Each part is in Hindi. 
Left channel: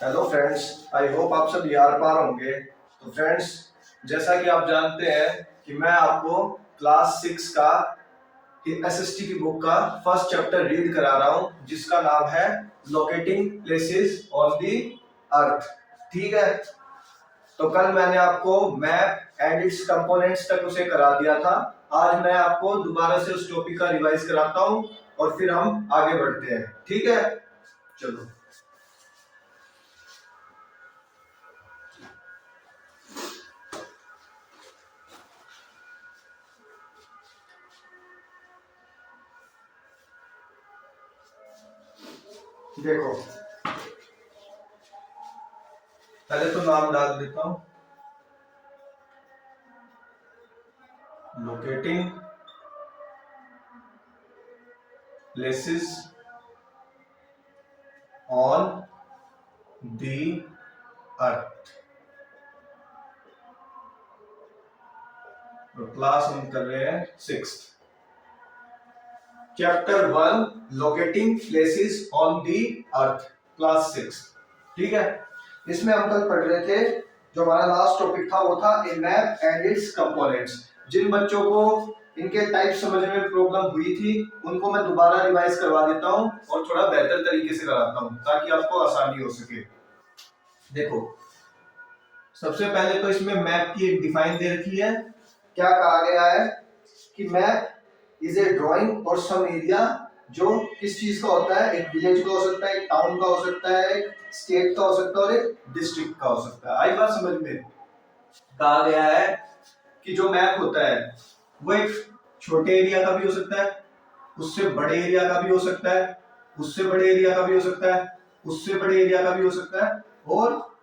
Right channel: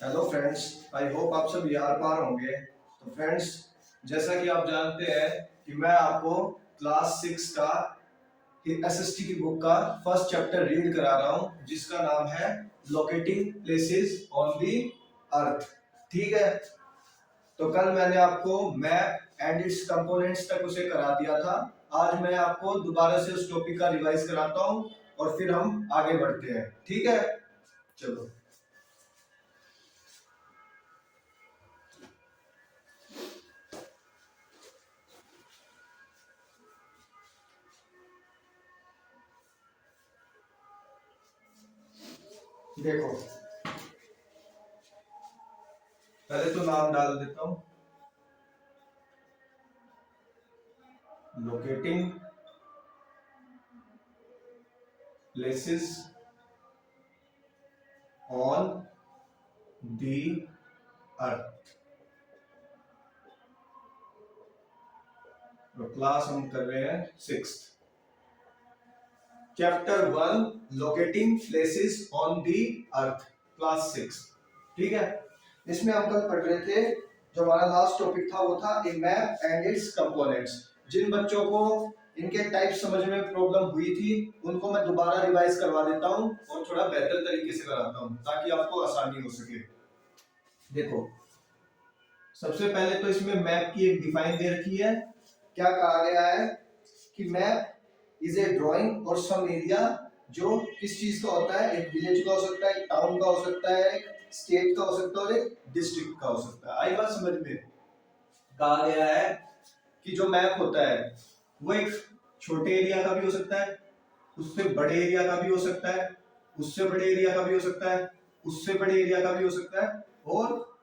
हेलो फ्रेंड्स, आई होप आप सब यार पार होंगे। तो फ्रेंड्स, जैसा कि आप जानते हैं कि मैं आपको क्लास 6 का एसएसटी की बुक का फर्स्ट चैप्टर रीड करा रहा हूं, जिसका नाम है लोकेटिंग प्लेसेस ऑन दी अर्थ। ठीक है। तो कल मैंने आपको मैप एंड इट्स कंपोनेंट्स तक उसे करा दिया था। आज मैं आपको दोबारा से उस टॉपिक का रिवाइज कराता हूं और फिर हम आगे बढ़ते हैं। ठीक है, चलो। देखो, पहले तो नाम डाल देता हूं, लोकेटिंग प्लेसेस ऑन दी अर्थ। तो क्लास हम कर रहे हैं 6, chapter 1, locating places on the earth, class 6। ठीक है। इसमें हम कल पढ़ रहे थे, जो हमारा लास्ट टॉपिक था वो था ए मैप एंड इट्स कंपोनेंट्स। जिन बच्चों को इनके टाइप समझने में प्रॉब्लम हुई थी, उनको मैं दोबारा रिवाइज करवा देता हूं और थोड़ा बेहतर तरीके से कराता हूं ताकि आपको आसानी हो सके। देखो, सबसे पहले तो इसमें मैप की एक डिफाइन दे रखी है। क्या कहा गया है कि map is a drawing or some area, जो किस चीज का होता है, एक विलेज का हो सकता है, एक टाउन का हो सकता है, एक स्टेट का हो सकता है और एक डिस्ट्रिक्ट का हो सकता है। आई बात समझ में? कहा गया है कि जो मैप होता है वो एक छोटे एरिया का भी हो सकता है, उससे बड़े एरिया का भी हो सकता है, उससे बड़े एरिया का भी हो सकता है, उससे बड़े एरिया का भी हो सकता है, और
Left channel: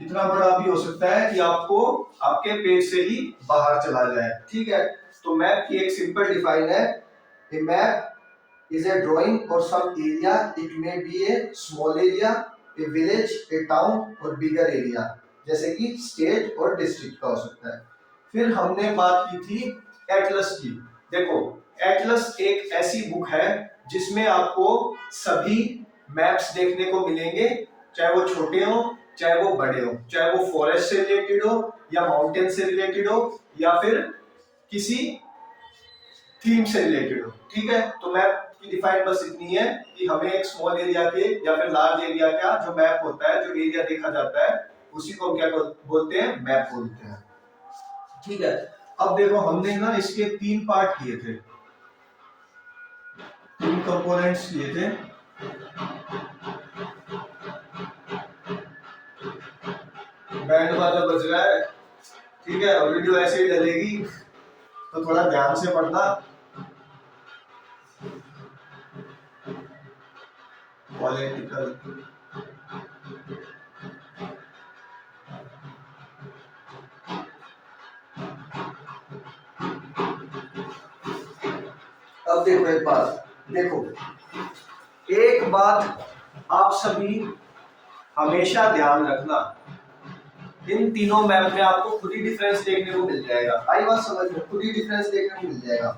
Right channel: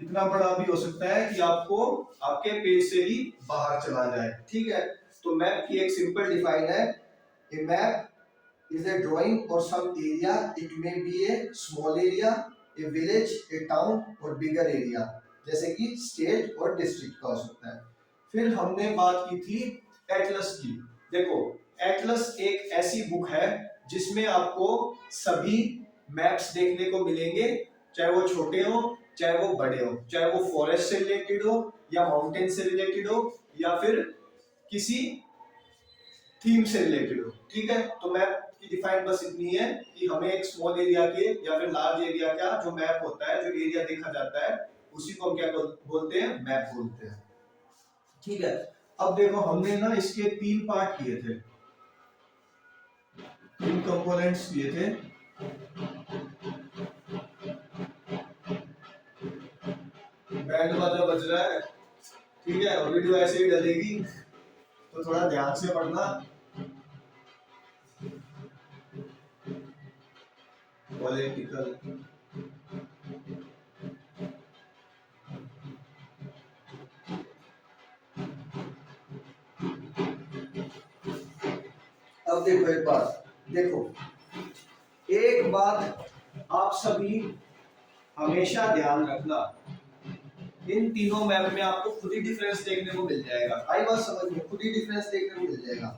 इतना बड़ा भी हो सकता है कि आपको आपके पेज से ही बाहर चला जाए। ठीक है। तो मैप की एक सिंपल डिफाइन है, a map is a drawing or some area, it may be a small area, a village, a town or bigger area, जैसे कि स्टेट और डिस्ट्रिक्ट का हो सकता है। फिर हमने बात की थी एटलस की। देखो, एटलस एक ऐसी बुक है जिसमें आपको सभी मैप्स देखने को मिलेंगे, चाहे वो छोटे हो चाहे वो बड़े हो, चाहे वो फॉरेस्ट से रिलेटेड हो या माउंटेन से रिलेटेड हो या फिर किसी थीम से रिलेटेड हो। ठीक है। तो मैप की डिफाइन बस इतनी है कि हमें एक स्मॉल एरिया के या फिर लार्ज एरिया का जो मैप होता है, जो एरिया देखा जाता है, उसी को हम क्या बोलते हैं, मैप बोलते हैं। ठीक है। अब देखो, हमने ना इसके 3 पार्ट किए थे, 3 कंपोनेंट्स किए थे। बैंड बाजा बज रहा है, ठीक है, और वीडियो ऐसे ही डलेगी, तो थोड़ा ध्यान से पढ़ना। पॉलिटिकल, अब देखो एक बात, देखो एक बात आप सभी हमेशा ध्यान रखना, इन तीनों मैप में आपको खुद ही डिफरेंस देखने को मिल जाएगा। आई बात समझ में? खुद ही डिफरेंस देखने को मिल जाएगा।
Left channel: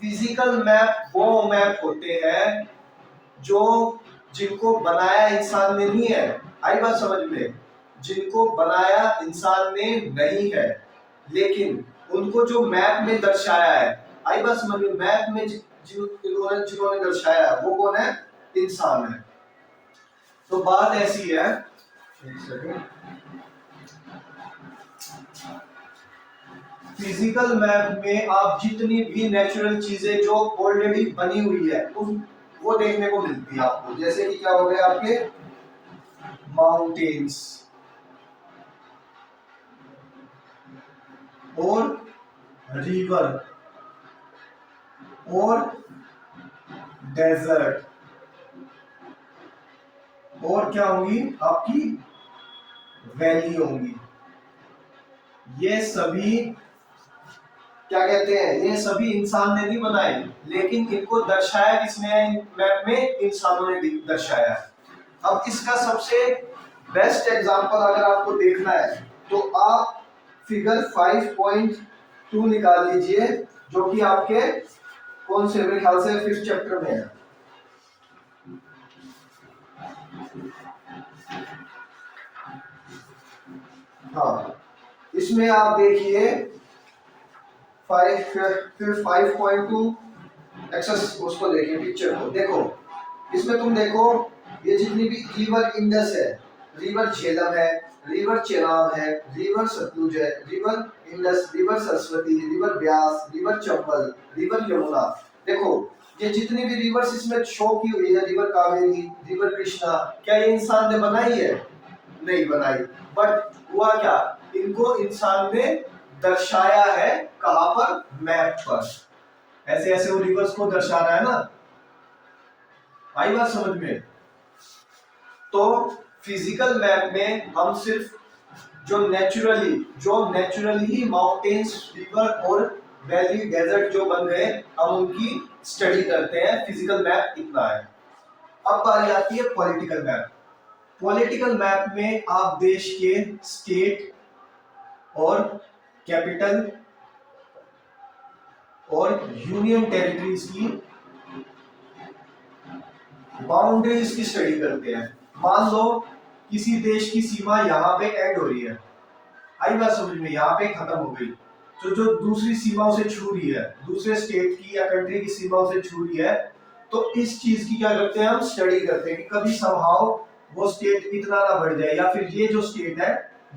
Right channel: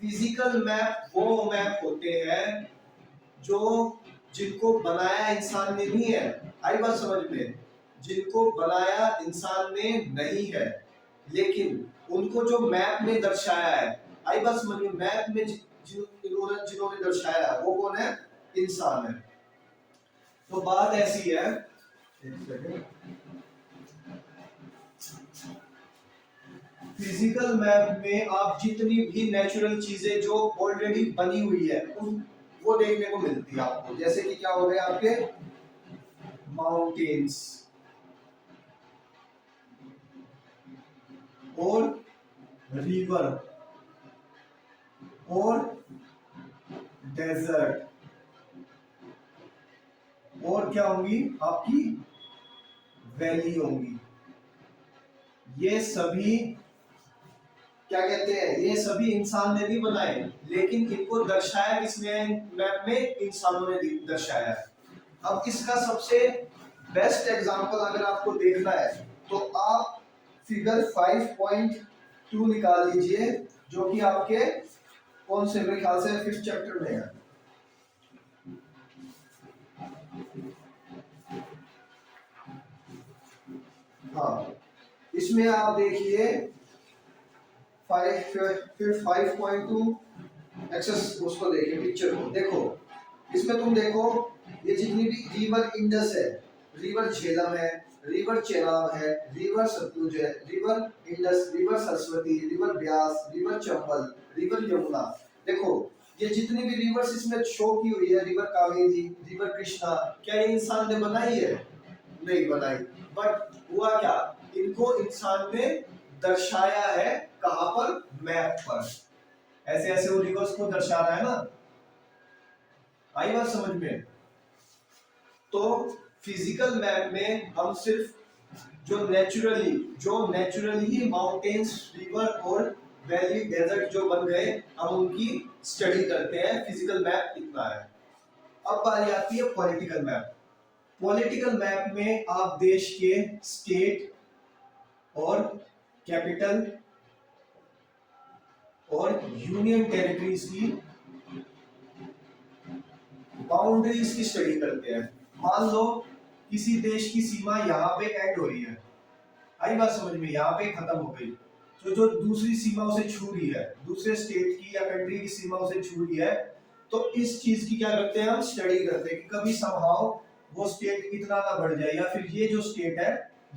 फिजिकल मैप वो मैप होते हैं जो जिनको बनाया इंसान ने नहीं है। आई बात समझ में? जिनको बनाया इंसान ने नहीं है, लेकिन उनको जो मैप में दर्शाया है, आई बात समझ में, मैप में जिन्होंने दर्शाया है वो कौन है? इंसान है। तो बात ऐसी है, एक सेकंड, फिजिकल मैप में आप जितनी भी नेचुरल चीजें जो ऑलरेडी बनी हुई है उन वो देखने को मिलती है आपको। जैसे कि क्या हो गया आपके माउंटेन्स और रिवर और डेजर्ट, और क्या होंगी आपकी वैली होंगी। ये सभी क्या कहते हैं, ये सभी इंसान ने नहीं बनाए, लेकिन इनको दर्शाया किसने है? मैप में इंसानों ने दर्शाया है। अब इसका सबसे बेस्ट एग्जांपल अगर आपको देखना है तो आप फिगर 5.2 निकाल लीजिए, जो कि आपके कौन से, मेरे ख्याल से 5th चैप्टर में है। हाँ, इसमें आप देखिए 5.2 एक्सेस, उसको देखिए पिक्चर को देखो। इसमें तुम देखो ये जितनी भी रिवर इंडस है, रिवर झेलम है, रिवर चेनाब है, रिवर सतलुज है, river Indus, river Saraswati, river Beas, river Chambal, river Yamuna. देखो ये जितनी भी रिवर्स इसमें शो की हुई है, रिवर कावेरी, रिवर कृष्णा, क्या ये इंसान ने बनाई है? नहीं बनाई। बट हुआ क्या, इनको इंसान ने दर्शाया है कहां पर? मैप पर। ऐसे ऐसे वो रिवर्स को दर्शा रहा है ना। आई बात समझ में? तो फिजिकल मैप में हम सिर्फ जो नेचुरली ही माउंटेन्स, रिवर और वैली, डेजर्ट जो बन गए, हम उनकी स्टडी करते हैं। फिजिकल मैप इतना है। अब बारी आती है पॉलिटिकल मैप। पॉलिटिकल मैप में आप देश के स्टेट और कैपिटल और यूनियन टेरिटरीज की बाउंड्रीज की स्टडी करते हैं। मान लो किसी देश की सीमा यहाँ पे एंड हो रही है, आई बात समझ में, यहाँ पे खत्म हो गई, तो जो दूसरी सीमा उसे छू रही है, दूसरे स्टेट की या कंट्री की सीमा उसे छू रही है, तो इस चीज की क्या करते हैं हम? स्टडी करते हैं कि कभी समहाउ वो स्टेट इतना ना बढ़ जाए, या फिर ये जो स्टेट है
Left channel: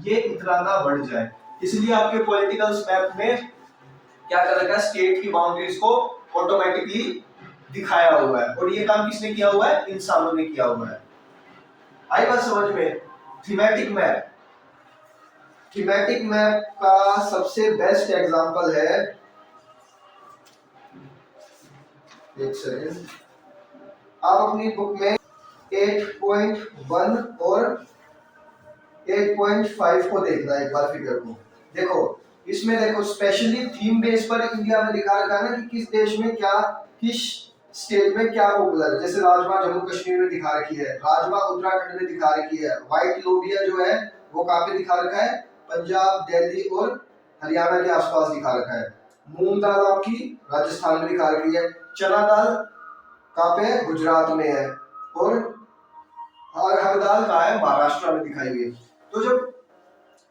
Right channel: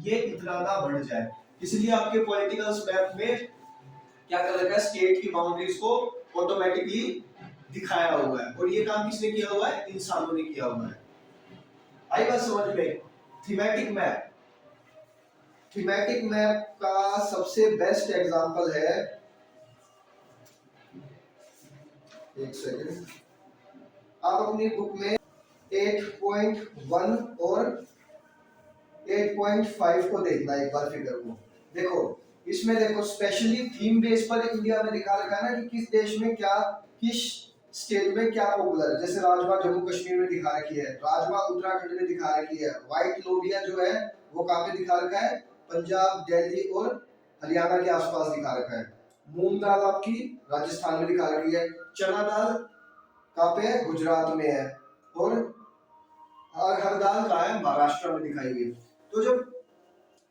ये इतना ना बढ़ जाए। इसलिए आपके पॉलिटिकल मैप में क्या कर रखा है? स्टेट की बाउंड्रीज को ऑटोमेटिकली दिखाया हुआ है। और ये काम किसने किया हुआ है? इंसानों ने किया हुआ है। आई बात समझ में? थीमेटिक मैप, थीमेटिक मैप का सबसे बेस्ट एग्जांपल है, एक सेकेंड, आप अपनी बुक में 8.1 और 8.5 को देखना एक बार फिगर को। देखो इसमें देखो स्पेशली थीम बेस पर इंडिया में दिखा रखा है ना कि किस देश में क्या, किस स्टेट में क्या पॉपुलर है। जैसे राजमा जम्मू कश्मीर में दिखा रखी है, राजमा उत्तराखंड में दिखा रखी है, व्हाइट लोबिया जो है वो कहाँ पे दिखा रखा है? पंजाब, दिल्ली और हरियाणा के आसपास दिखा रखा है। मूंग दाल आपकी राजस्थान में दिखा रखी है, चना दाल कहाँ पे? गुजरात में है, और हर दाल कहाँ है? महाराष्ट्र में दिखाई हुई है। तो जब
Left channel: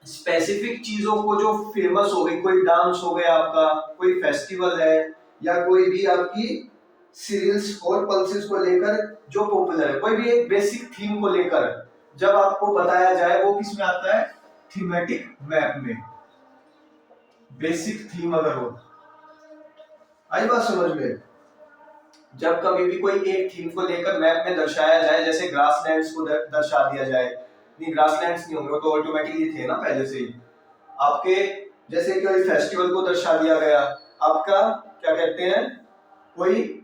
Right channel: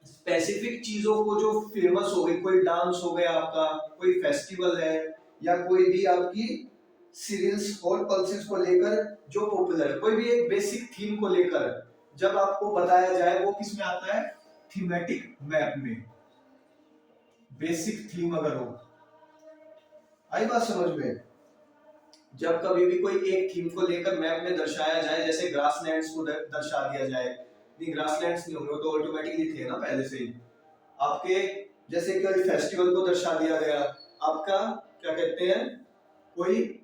स्पेसिफिक चीजों को जो फेमस हो गई, कोई डांस हो गया आपका, कोई फेस्टिवल है, या कोई भी आपकी सीरियल्स और पल्सेस को लेकर जो पॉपुलर है, कोई भी एक बेसिक थीम को लेकर जब आपको बताया जाए, वो किस में आता है? थीमेटिक मैप में। बेसिक थीम अगर हो, आई बात समझ में? जब कभी भी कोई एक थीम को लेकर मैप में दर्शाया जाए, जैसे ग्रासलैंड्स को दर्शा दिया जाए, नहीं ग्रासलैंड्स नहीं होंगे, वो तो ऑटोमेटिकली थे ना पहले से ही आपके, जैसे कोई फेस्टिवल को दर्शा दिया गया, आपका क्या कहते हैं, कोई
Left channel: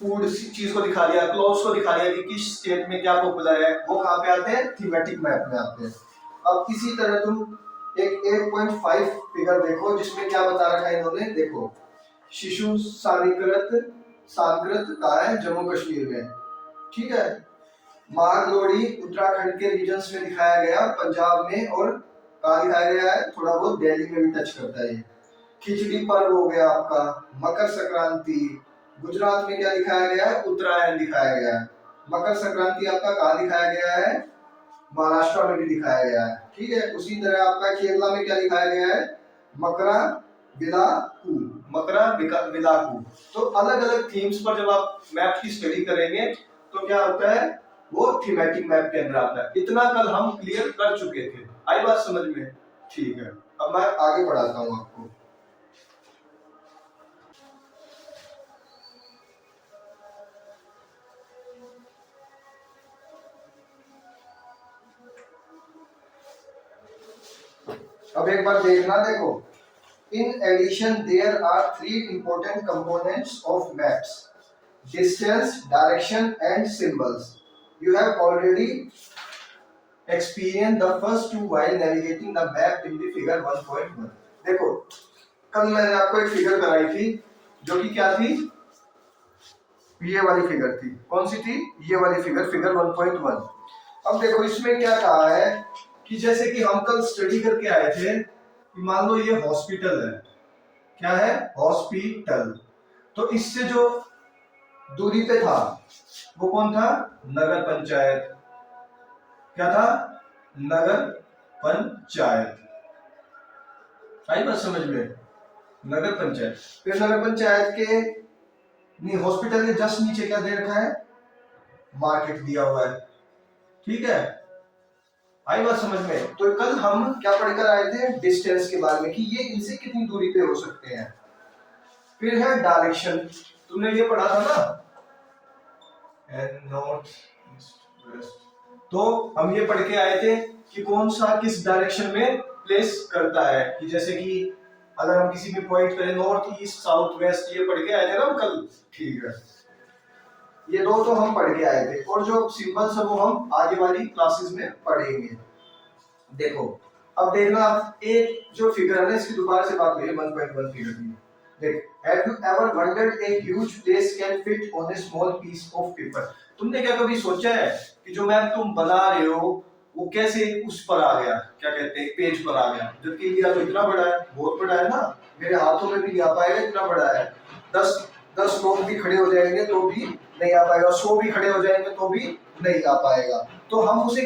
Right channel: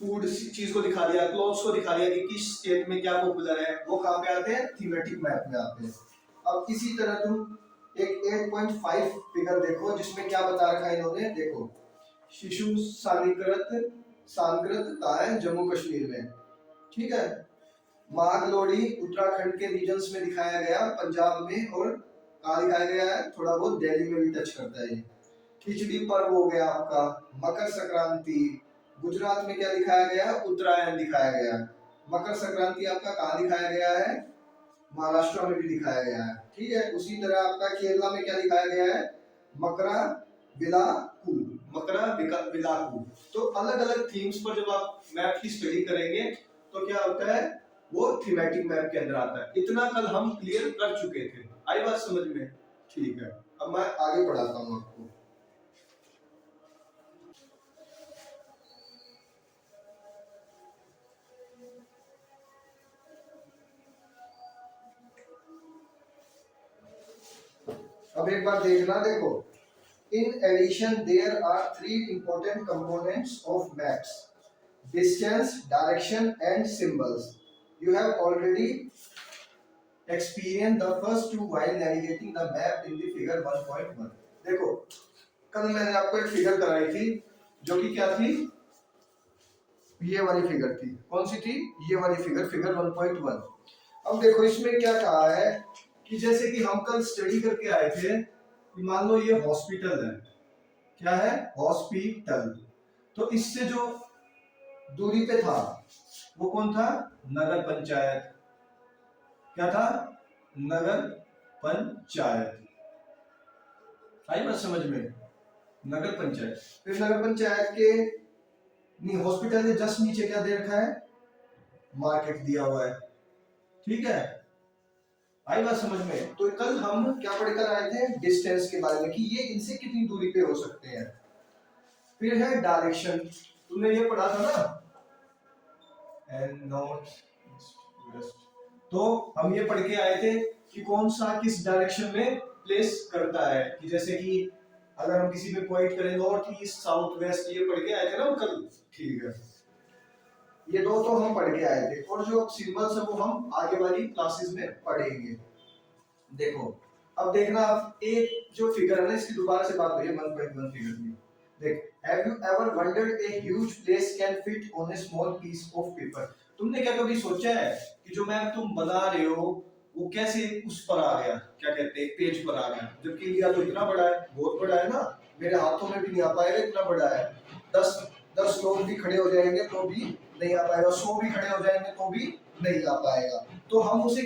फूड चीज को दिखा दिया, क्लॉथ्स को दिखा दिया कि किस स्टेट में क्या पॉपुलर है, वो कहाँ पे आते हैं? थीमेटिक मैप में आते हैं। अब इसी तरह तुम एक 8.5 फिगर देखो, जिसमें क्या बता रखा है इन्होंने, देखो शिशु सांकृत का है जम्मू कश्मीर में, ठीक है। माघ लोहड़ी उत्तराखंड के रीजन्स में दिखाया गया, पंजाब में, और कहाँ दिखाया गया है? थोड़ा बहुत दिल्ली में भी टच करता है ये। खिचड़ी पर्व हो गया आपका, मकर संक्रांति, गुजरात में क्या दिखाया गया है? उत्तरायण दिखाया गया है। मकर संक्रांति आपका कहाँ दिखाया गया है? महाराष्ट्र में भी दिखाया गया है, ठीक है। उसी तरह आपका केरला में क्या दिखाया गया है? मकरा विलाकू, मकरा विलाकू। तो अलग अलग थीम्स पर जब आप मैप की स्टडी करेंगे तो क्या होता है? वो थीमेटिक मैप के अंदर आता है। इतना कल हम क्लियर कर चुके थे, आई बात समझ में? ठीक है, अब मैं आगे बढ़ाता हूँ आपको। अब एक बार देखना, देखो in addition there are three important components of maps: distance, direction and symbols. You have already experienced the first two while navigating the map in the figure 1.1. देखो कल मैंने आपको एक फिगर कराई थी जो कि क्या थी? ये वाली फिगर थी। कौन सी थी? ये वाली फिगर, फिगर 1.1। अब देखो इसमें क्या कहा है कि जैसे कि हम कल स्टडी करके आए थे कि मान लो ये हॉस्पिटल है, क्या है? हॉस्पिटल। तो इससे जो दूरी पे था वो कौन था? नगर पंचायत। क्या था? नगर पंचायत। आई बात समझ में? नगर पंचायत। फिर नगर पंचायत के नहीं, हॉस्पिटल के जस्ट नीचे क्या दे रखा है? मार्केट दिया हुआ है। ठीक है, आई बात समझ में? तो कल हम क्या पढ़कर आए थे? डिस्टेंस के बारे में, कि ये इनसे कितनी दूरी पे हो सकते हैं। फिर है डायरेक्शन, तुमने ये पढ़ा था ना, नॉर्थ ईस्ट वेस्ट। तो हम ये पढ़ के आए थे कि कौन सा किस डायरेक्शन में प्लेस करता है, कि जैसे कि अगर हम किसी में पॉइंट करें नॉर्थ ईस्ट साउथ वेस्ट, ये पढ़ के आए थे ना कल। ठीक है, ये दो तो हम पढ़ के आए थे, और जो सिंबल्स है वो हम आगे वाली क्लासेस में पढ़ेंगे। देखो अब देखना, एक जो फिगर है ना, इसकी दोबारा से बात हुई है 1.1 फिगर की। देख, have you ever wondered a huge place can fit on a small piece of paper? तुमने क्या कभी सोचा है कि जो मैप तुम बना रहे हो वो कैसे उस पर आ गया, क्या कहते हैं, पेज पर आ गया, जबकि इंडिया तो इतना बड़ा है, बहुत बड़ा है ना, मेरे हाथों में भी नहीं आ पाएगा, इतना बड़ा है। 10 लोग भी खड़े हो जाएंगे तो भी नहीं आ पाएगा, 100 भी खड़े हो जाएंगे तो भी नहीं आ पाएगा। तो हम उसे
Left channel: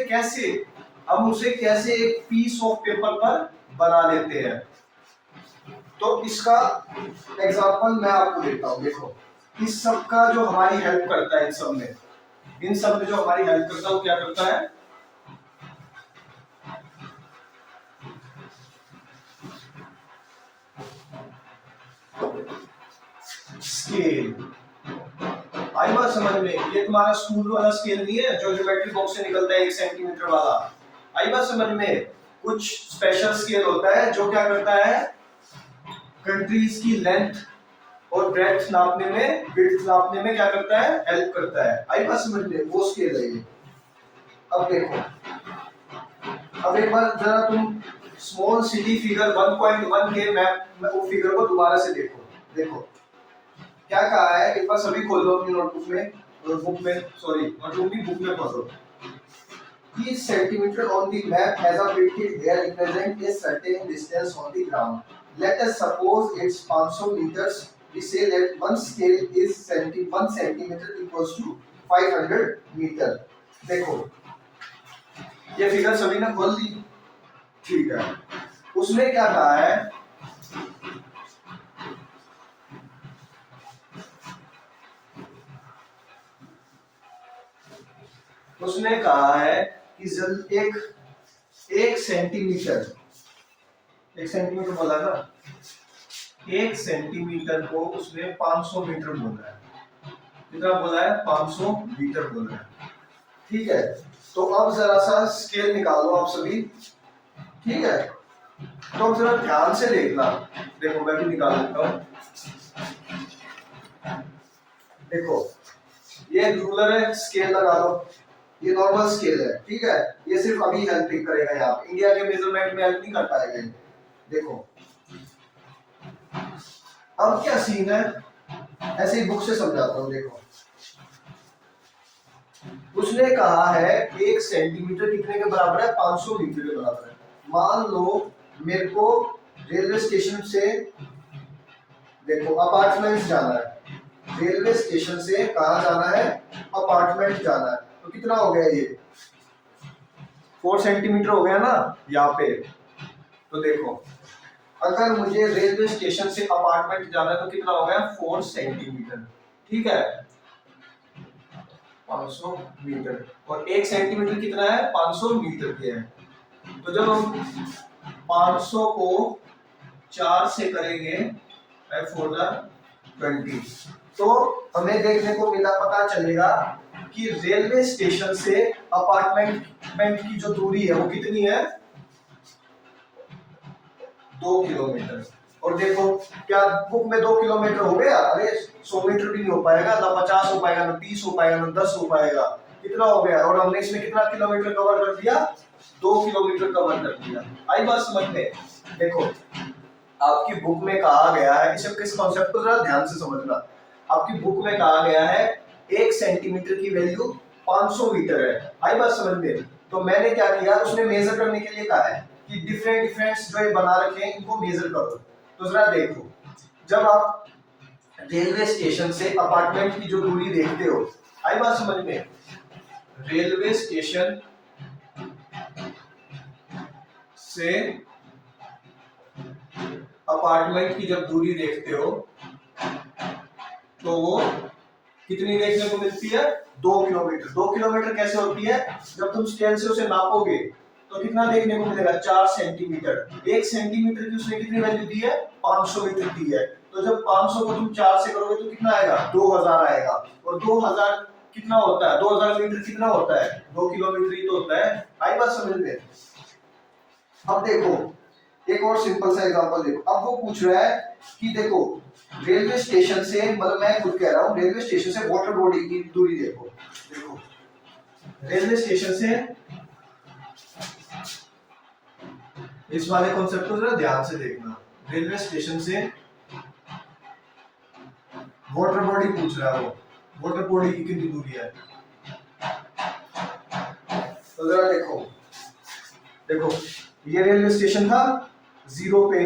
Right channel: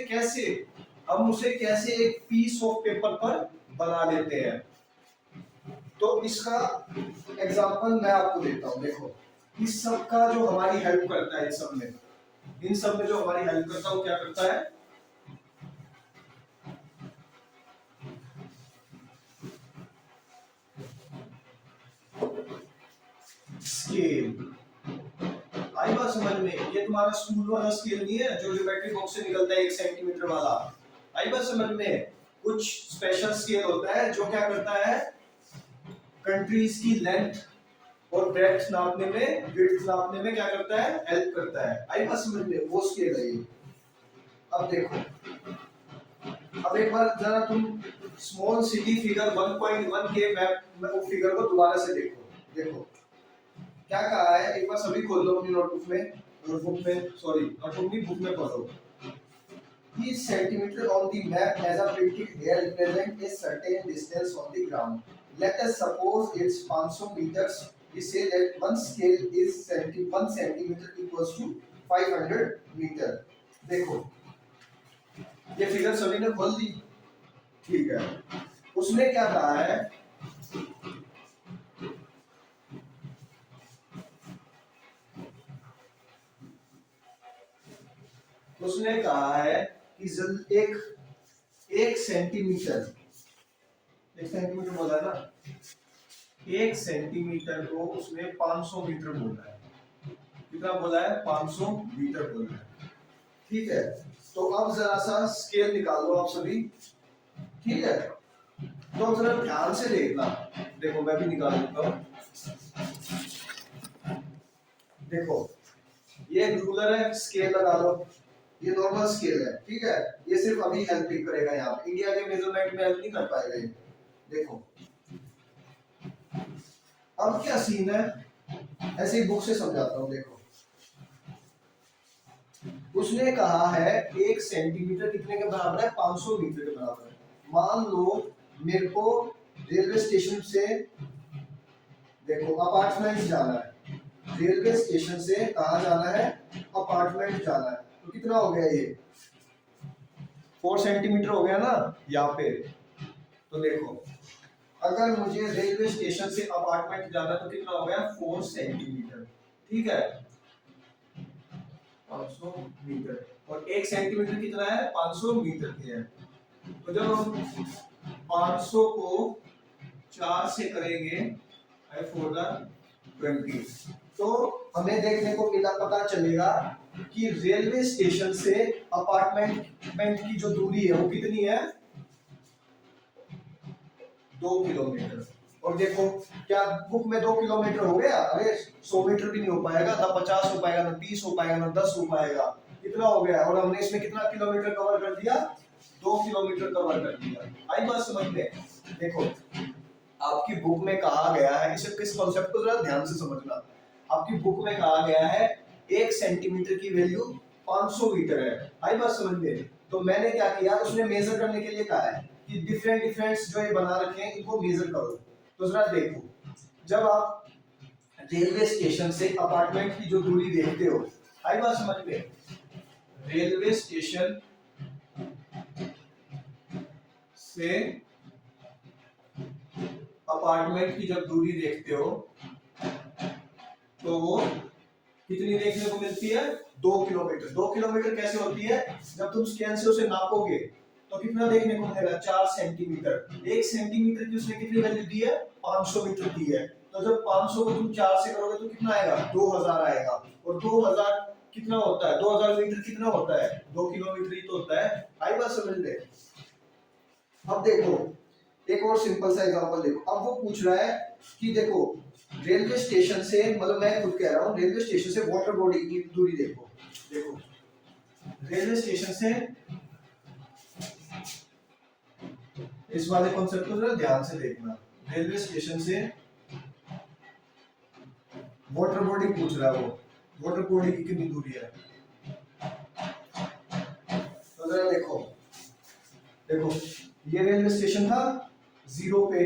कैसे एक पीस ऑफ पेपर पर बना लेते हैं। तो इसका एग्जांपल मैं आपको देता हूं। देखो, इस सब का जो हमारी हेल्प करता है, इन सब में जो हमारी हेल्प करता है वो क्या करता है? स्केल। आई बात समझ में? ये तुम्हारा स्कूल वाला स्केल नहीं है जो ज्योमेट्री बॉक्स से निकलता है 1 सेंटीमीटर वाला। आई बात समझ में? कुछ स्पेशल स्केल होता है जो क्या करता है, कंट्रीज की लेंथ और ब्रेड्थ नापने में, विड्थ नापने में क्या करता है, हेल्प करता है। आई बात समझ में? वो स्केल है ये। अब देखो, अब एक बार जरा तुम स्मॉल सिटी फिगर 1.1 के मैप वो फिगर को दोबारा से देखो। देखो क्या कहा है, एक बार सभी खोल लो अपनी नोटबुक में, बुक में खोल लो। Each centimeter on the map has a printed here represent a certain distance on the ground. Let us suppose it's 500 meters. We say that one scale is 1 centimeter equals to 500 meter. देखो ये फिगर सभी ने खोल ली। ठीक है, उसने क्या कहा है, उसने कहा है कि एक सेंटीमीटर बोला ना, 1 सेंटीमीटर को उसने 500 मीटर बोला है। कितना बोला है? 500 मीटर बोला है। ठीक है, तो अब जरा सा स्केल निकालो आप सभी। ठीक है, तो अब जरा ध्यान से देखना। देखो मैं भी निकाल लेता हूं। देखो ये रूलर है, स्केल लगा लो, ये नॉर्मल स्केल है। ठीक है, ये सिर्फ अभी हेल्प करेगा, यहाँ पे इंडिया के मेजरमेंट में हेल्प नहीं कर पाएगा ये। देखो अब क्या सीन है, ऐसे ही बुक से समझाता हूँ। देखो उसने कहा है 1 सेंटीमीटर कितने के बराबर है? 500 मीटर के बराबर है। मान लो मेरे को रेलवे स्टेशन से, देखो अपार्टमेंट जाना है, रेलवे स्टेशन से कहाँ जाना है? अपार्टमेंट जाना है। तो कितना हो गया ये? 4 सेंटीमीटर हो गया ना यहाँ पे। तो देखो अगर मुझे रेलवे स्टेशन से अपार्टमेंट जाना है तो कितना हो गया? 4 सेंटीमीटर। ठीक है, 500 मीटर, और 1 सेंटीमीटर कितना है? 500 मीटर के है। तो जब हम 500 को 4 से करेंगे 4 तो हमें देखने को मिला, पता चलेगा कि रेलवे स्टेशन से अपार्टमेंट की जो दूरी है वो कितनी है? 2 किलोमीटर। और देखो क्या बुक में 2 किलोमीटर हो गया? अरे 100 मीटर भी नहीं हो पाएगा, ना 50 हो पाएगा, ना 30 हो पाएगा, ना 10 हो पाएगा। कितना हो गया? और हमने इसमें कितना किलोमीटर कवर कर दिया? 2 किलोमीटर कवर कर दिया। आई बात समझ में? देखो आपकी बुक में कहा गया है, इस कॉन्सेप्ट को जरा ध्यान से समझना। आपकी बुक में कहा गया है 1 सेंटीमीटर की वैल्यू 500 मीटर है। आई बात समझ में? तो मैंने क्या किया, उसने मेजर करने के लिए कहा है कि डिफरेंट जो ये बना रखे हैं इनको मेजर करो। तो जरा देखो, जब आप रेलवे स्टेशन से अपार्टमेंट की जो दूरी देखते हो, आई बात समझ में? रेलवे स्टेशन से अपार्टमेंट की जब दूरी देखते हो तो वो कितनी देखने को मिलती है? 2 किलोमीटर। 2 किलोमीटर कैसे होती है? जब तुम स्केल से उसे नापोगे तो कितना देखने को मिलेगा? 4 सेंटीमीटर। 1 सेंटीमीटर की उसने कितनी वैल्यू दी है? 500 मीटर दी है। तो जब 500 को तुम 4 से करोगे तो कितना आएगा? 2000 आएगा। और 2000 कितना होता है? 2000 मीटर कितना होता है? 2 किलोमीटर ही तो होता है। आई बात समझ में? अब देखो एक और सिंपल सा एग्जांपल देखो। अब वो पूछ रहा है कि देखो रेलवे स्टेशन से, मतलब मैं खुद कह रहा हूँ, रेलवे स्टेशन से वाटर बॉडी की दूरी देखो। देखो रेलवे स्टेशन से, इस वाले कॉन्सेप्ट को जरा ध्यान से देखना। रेलवे स्टेशन से वाटर बॉडी पूछ रहा है वो, वाटर बॉडी की कितनी दूरी है? तो जरा देखो, देखो ये रेलवे स्टेशन था 0 पे,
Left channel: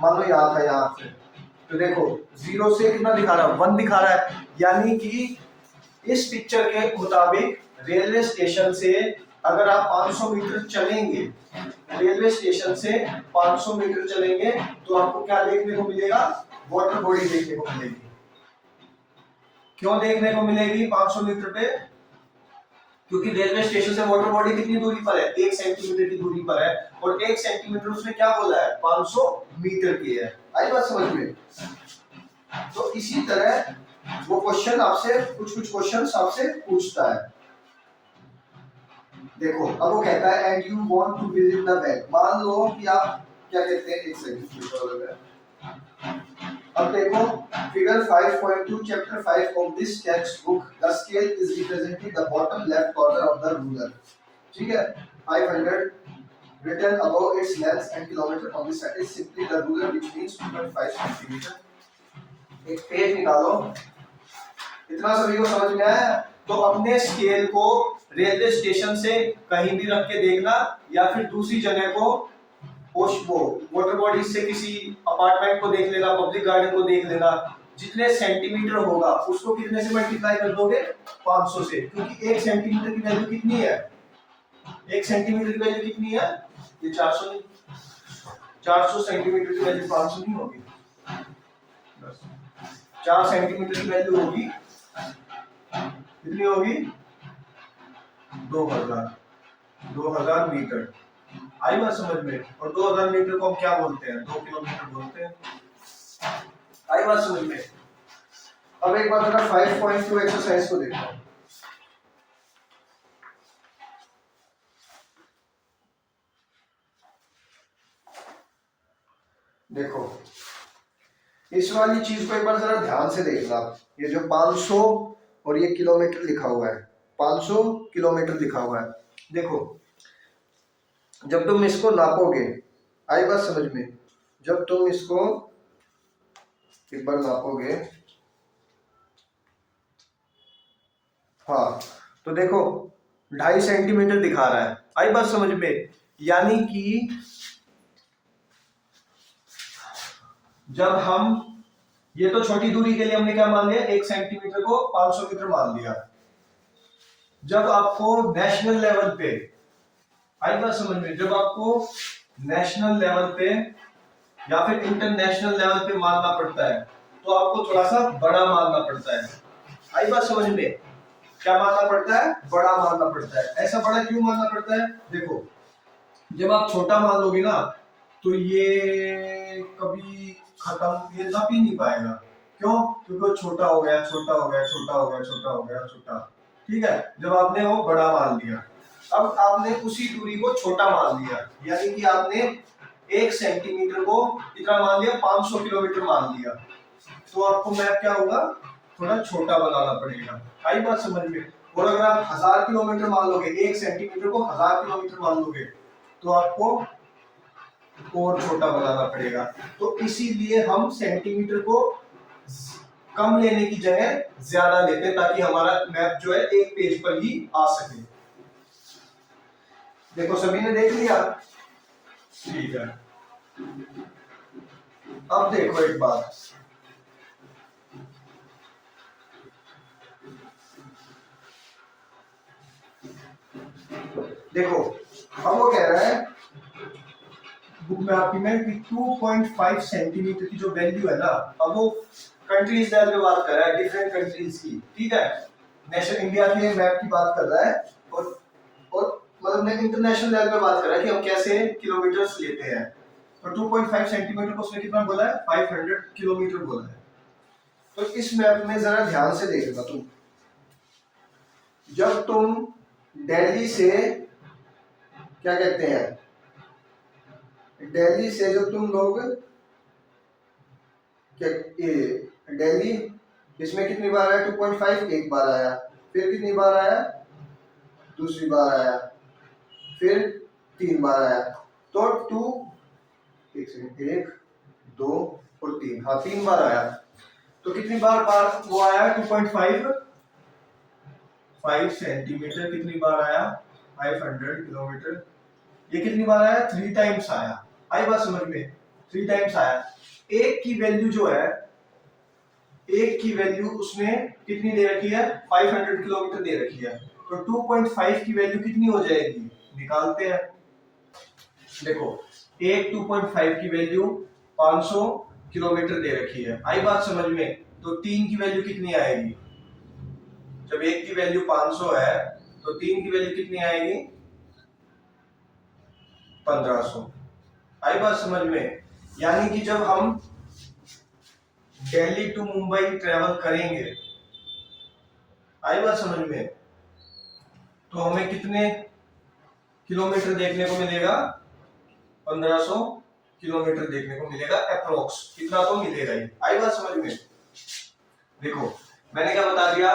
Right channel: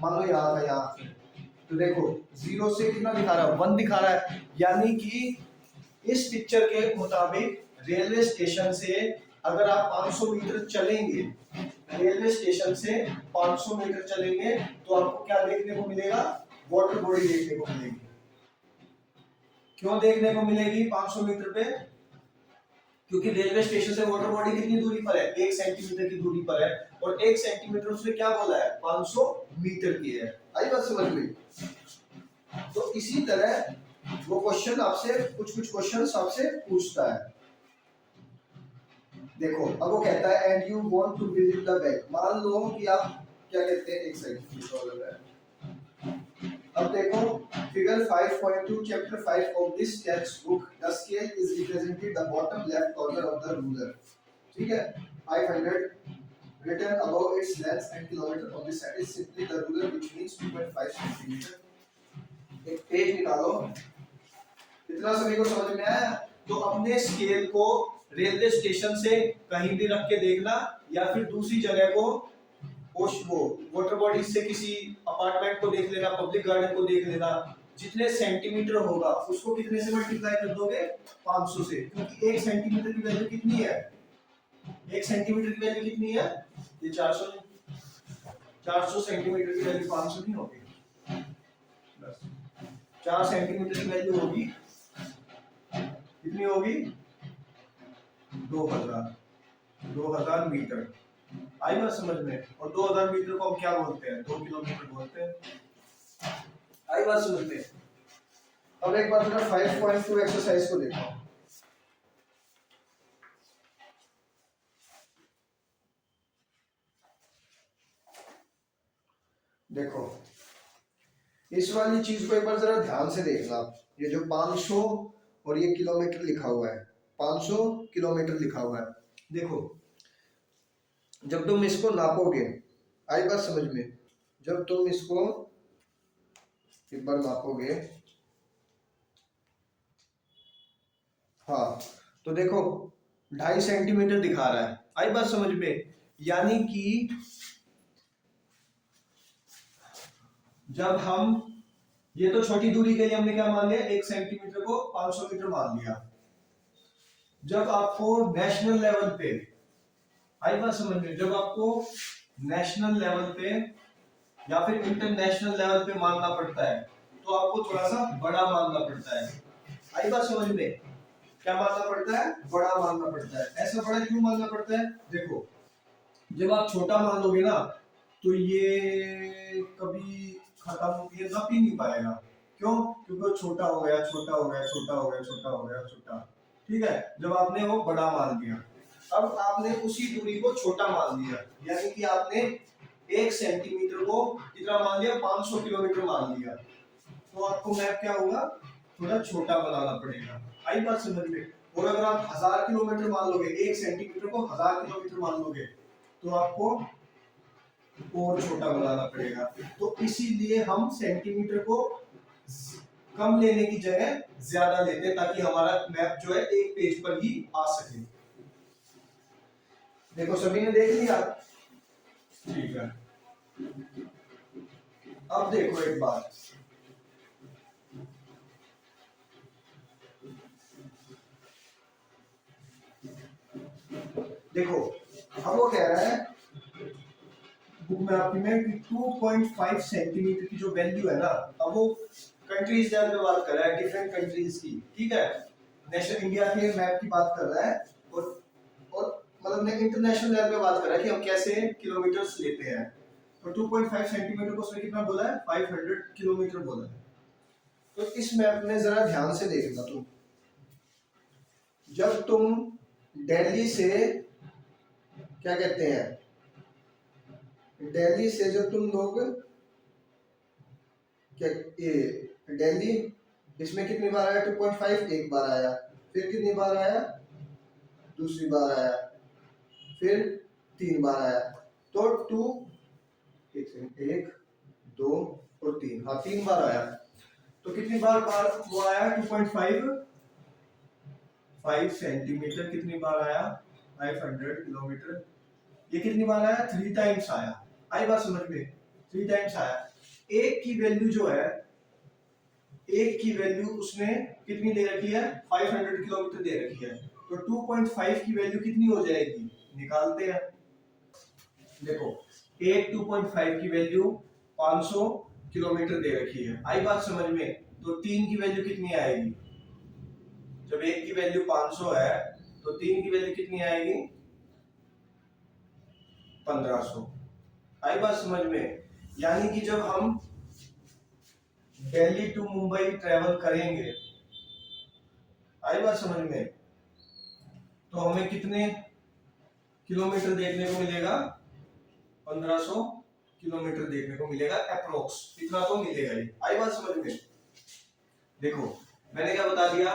मान लो यहाँ था, यहाँ से तो देखो 0 से कितना दिखा रहा है? 1 दिखा रहा है। यानी कि इस पिक्चर के मुताबिक रेलवे स्टेशन से अगर आप 500 मीटर चलेंगे, रेलवे स्टेशन से 500 मीटर चलेंगे तो आपको क्या देखने को मिलेगा? वाटर बॉडी देखने को मिलेगी। क्यों देखने को मिलेगी 500 मीटर पे? क्योंकि रेलवे स्टेशन से वाटर बॉडी कितनी दूरी पर है? 1 सेंटीमीटर की दूरी पर है। और 1 सेंटीमीटर उसने क्या बोला है? 500 मीटर की है। आई बात समझ में? तो इसी तरह वो क्वेश्चन आपसे, कुछ क्वेश्चंस आपसे पूछता है। देखो अब वो कहता है and you want to visit the bank. मान लो कि आप क्या कहते हैं, एक सेकंड, अब देखो figure 5.2 chapter 5 of this text book, the scale is represented the bottom left corner of the ruler. ठीक है, 500 written above its length and kilometer on this side is simply the ruler, which means 2.5 centimeter। एक पेज निकालो। इतना सभी को समझ में आया? तो अपने स्केल को रेलवे स्टेशन से कहीं भी रख के देखना, या फिर दूसरी जगह को वो वाटर बॉडी से किसी अपार्टमेंट को देख लेना, पब्लिक गार्डन को देख लेना। जितने सेंटीमीटर होगा उसको कितने से मल्टीप्लाई कर दोगे? 500 से। क्योंकि 1 सेंटीमीटर की वैल्यू कितनी है? 1 सेंटीमीटर की वैल्यू कितनी है? ये 400 नहीं, 400 सेंटीमीटर की वैल्यू 500 नहीं होगी। 4 सेंटीमीटर की वैल्यू होगी, कितनी होगी? 2000 मीटर। आई बात समझ में? और 2000 मीटर को हम क्या बोलते हैं? 2 किलोमीटर बोलते हैं। आई बात समझ में? अब एक बार जरा 5.2 एक्सरसाइज को देखो। देखो इस वाली चीज को एक बार जरा ध्यान से देखना। ये जो 500 और ये किलोमीटर लिखा हुआ है, 500 किलोमीटर लिखा हुआ है। देखो जब तुम इसको नापोगे, आई बात समझ में? जब तुम इसको एक बार नापोगे, हाँ तो देखो 2.5 सेंटीमीटर दिखा रहा है। आई बात समझ में? यानी कि जब हम, ये तो छोटी दूरी के लिए हमने क्या मान लिया? 1 सेंटीमीटर को 500 मीटर मान लिया। जब आपको नेशनल लेवल पे, आई बात समझ में, जब आपको नेशनल लेवल पे या फिर इंटरनेशनल लेवल पे मानना पड़ता है तो आपको थोड़ा सा बड़ा मानना पड़ता है। आई बात समझ में? क्या मानना पड़ता है? बड़ा मानना पड़ता है। ऐसा बड़ा क्यों मानना पड़ता है? देखो जब आप छोटा मान लोगे ना तो ये कभी खत्म, ये नप ही नहीं पाएगा। क्यों? क्योंकि छोटा हो गया, छोटा हो गया, छोटा हो गया, छोटा हो गया, छोटा। ठीक है, जब आपने वो बड़ा मान लिया, अब आपने उसी दूरी को छोटा मान लिया, यानी कि आपने 1 सेंटीमीटर को कितना मान लिया? 500 किलोमीटर मान लिया। तो आपको मैप क्या होगा? थोड़ा छोटा बनाना पड़ेगा। आई बात समझ में? और अगर आप 1000 किलोमीटर मान लोगे, 1 सेंटीमीटर को 1000 किलोमीटर मान लोगे तो आपको और छोटा बनाना पड़ेगा। तो इसीलिए हम सेंटीमीटर को कम लेने की जगह ज्यादा लेते हैं ताकि हमारा मैप जो है एक पेज पर ही आ सके। देखो सभी ने देख लिया? ठीक है, अब देखो एक बात, देखो अब वो कह रहा है बुक में आपकी में कि 2.5 सेंटीमीटर की जो वैल्यू है ना, अब वो कंट्रीज लेवल पे बात कर रहा है, डिफरेंट कंट्रीज की, ठीक है, नेशनल इंडिया के मैप की बात कर रहा है, और मतलब इंटरनेशनल लेवल पे बात कर रहा है कि हम कैसे किलोमीटर्स लेते हैं। तो 2.5 सेंटीमीटर को उसने कितना बोला है, 500 किलोमीटर बोला है। तो इस मैप में जरा ध्यान से देखना तुम, जब तुम दिल्ली से, क्या कहते हैं, दिल्ली से जो तुम लोग, क्या दिल्ली, इसमें कितनी बार आया 2.5, एक बार आया, फिर कितनी बार आया, दूसरी बार आया, फिर 3 बार आया, तो 2, एक सेकंड, 1 2 और 3, हाँ 3 बार आया। तो कितनी बार वो आया 2.5 सेंटीमीटर, कितनी बार आया 500 किलोमीटर, ये कितनी बार आया 3 टाइम्स आया। आई बात समझ में, 3 टाइम्स आया। एक की वैल्यू जो है, एक की वैल्यू उसने कितनी दे रखी है, 500 किलोमीटर दे रखी है, तो 2.5 की वैल्यू कितनी हो जाएगी, निकालते हैं। देखो एक 2.5 की वैल्यू 500 किलोमीटर दे रखी है, आई बात समझ में, तो 3 की वैल्यू कितनी आएगी, जब एक की वैल्यू 500 है तो 3 की वैल्यू कितनी आएगी, 1500। आई बात समझ में, यानी कि जब हम दिल्ली टू मुंबई ट्रेवल करेंगे, आई बात समझ में, तो हमें कितने किलोमीटर देखने को मिलेगा, 1500 किलोमीटर देखने को मिलेगा अप्रोक्स, इतना तो मिलेगा ही। आई बात समझ में। देखो मैंने क्या बता दिया,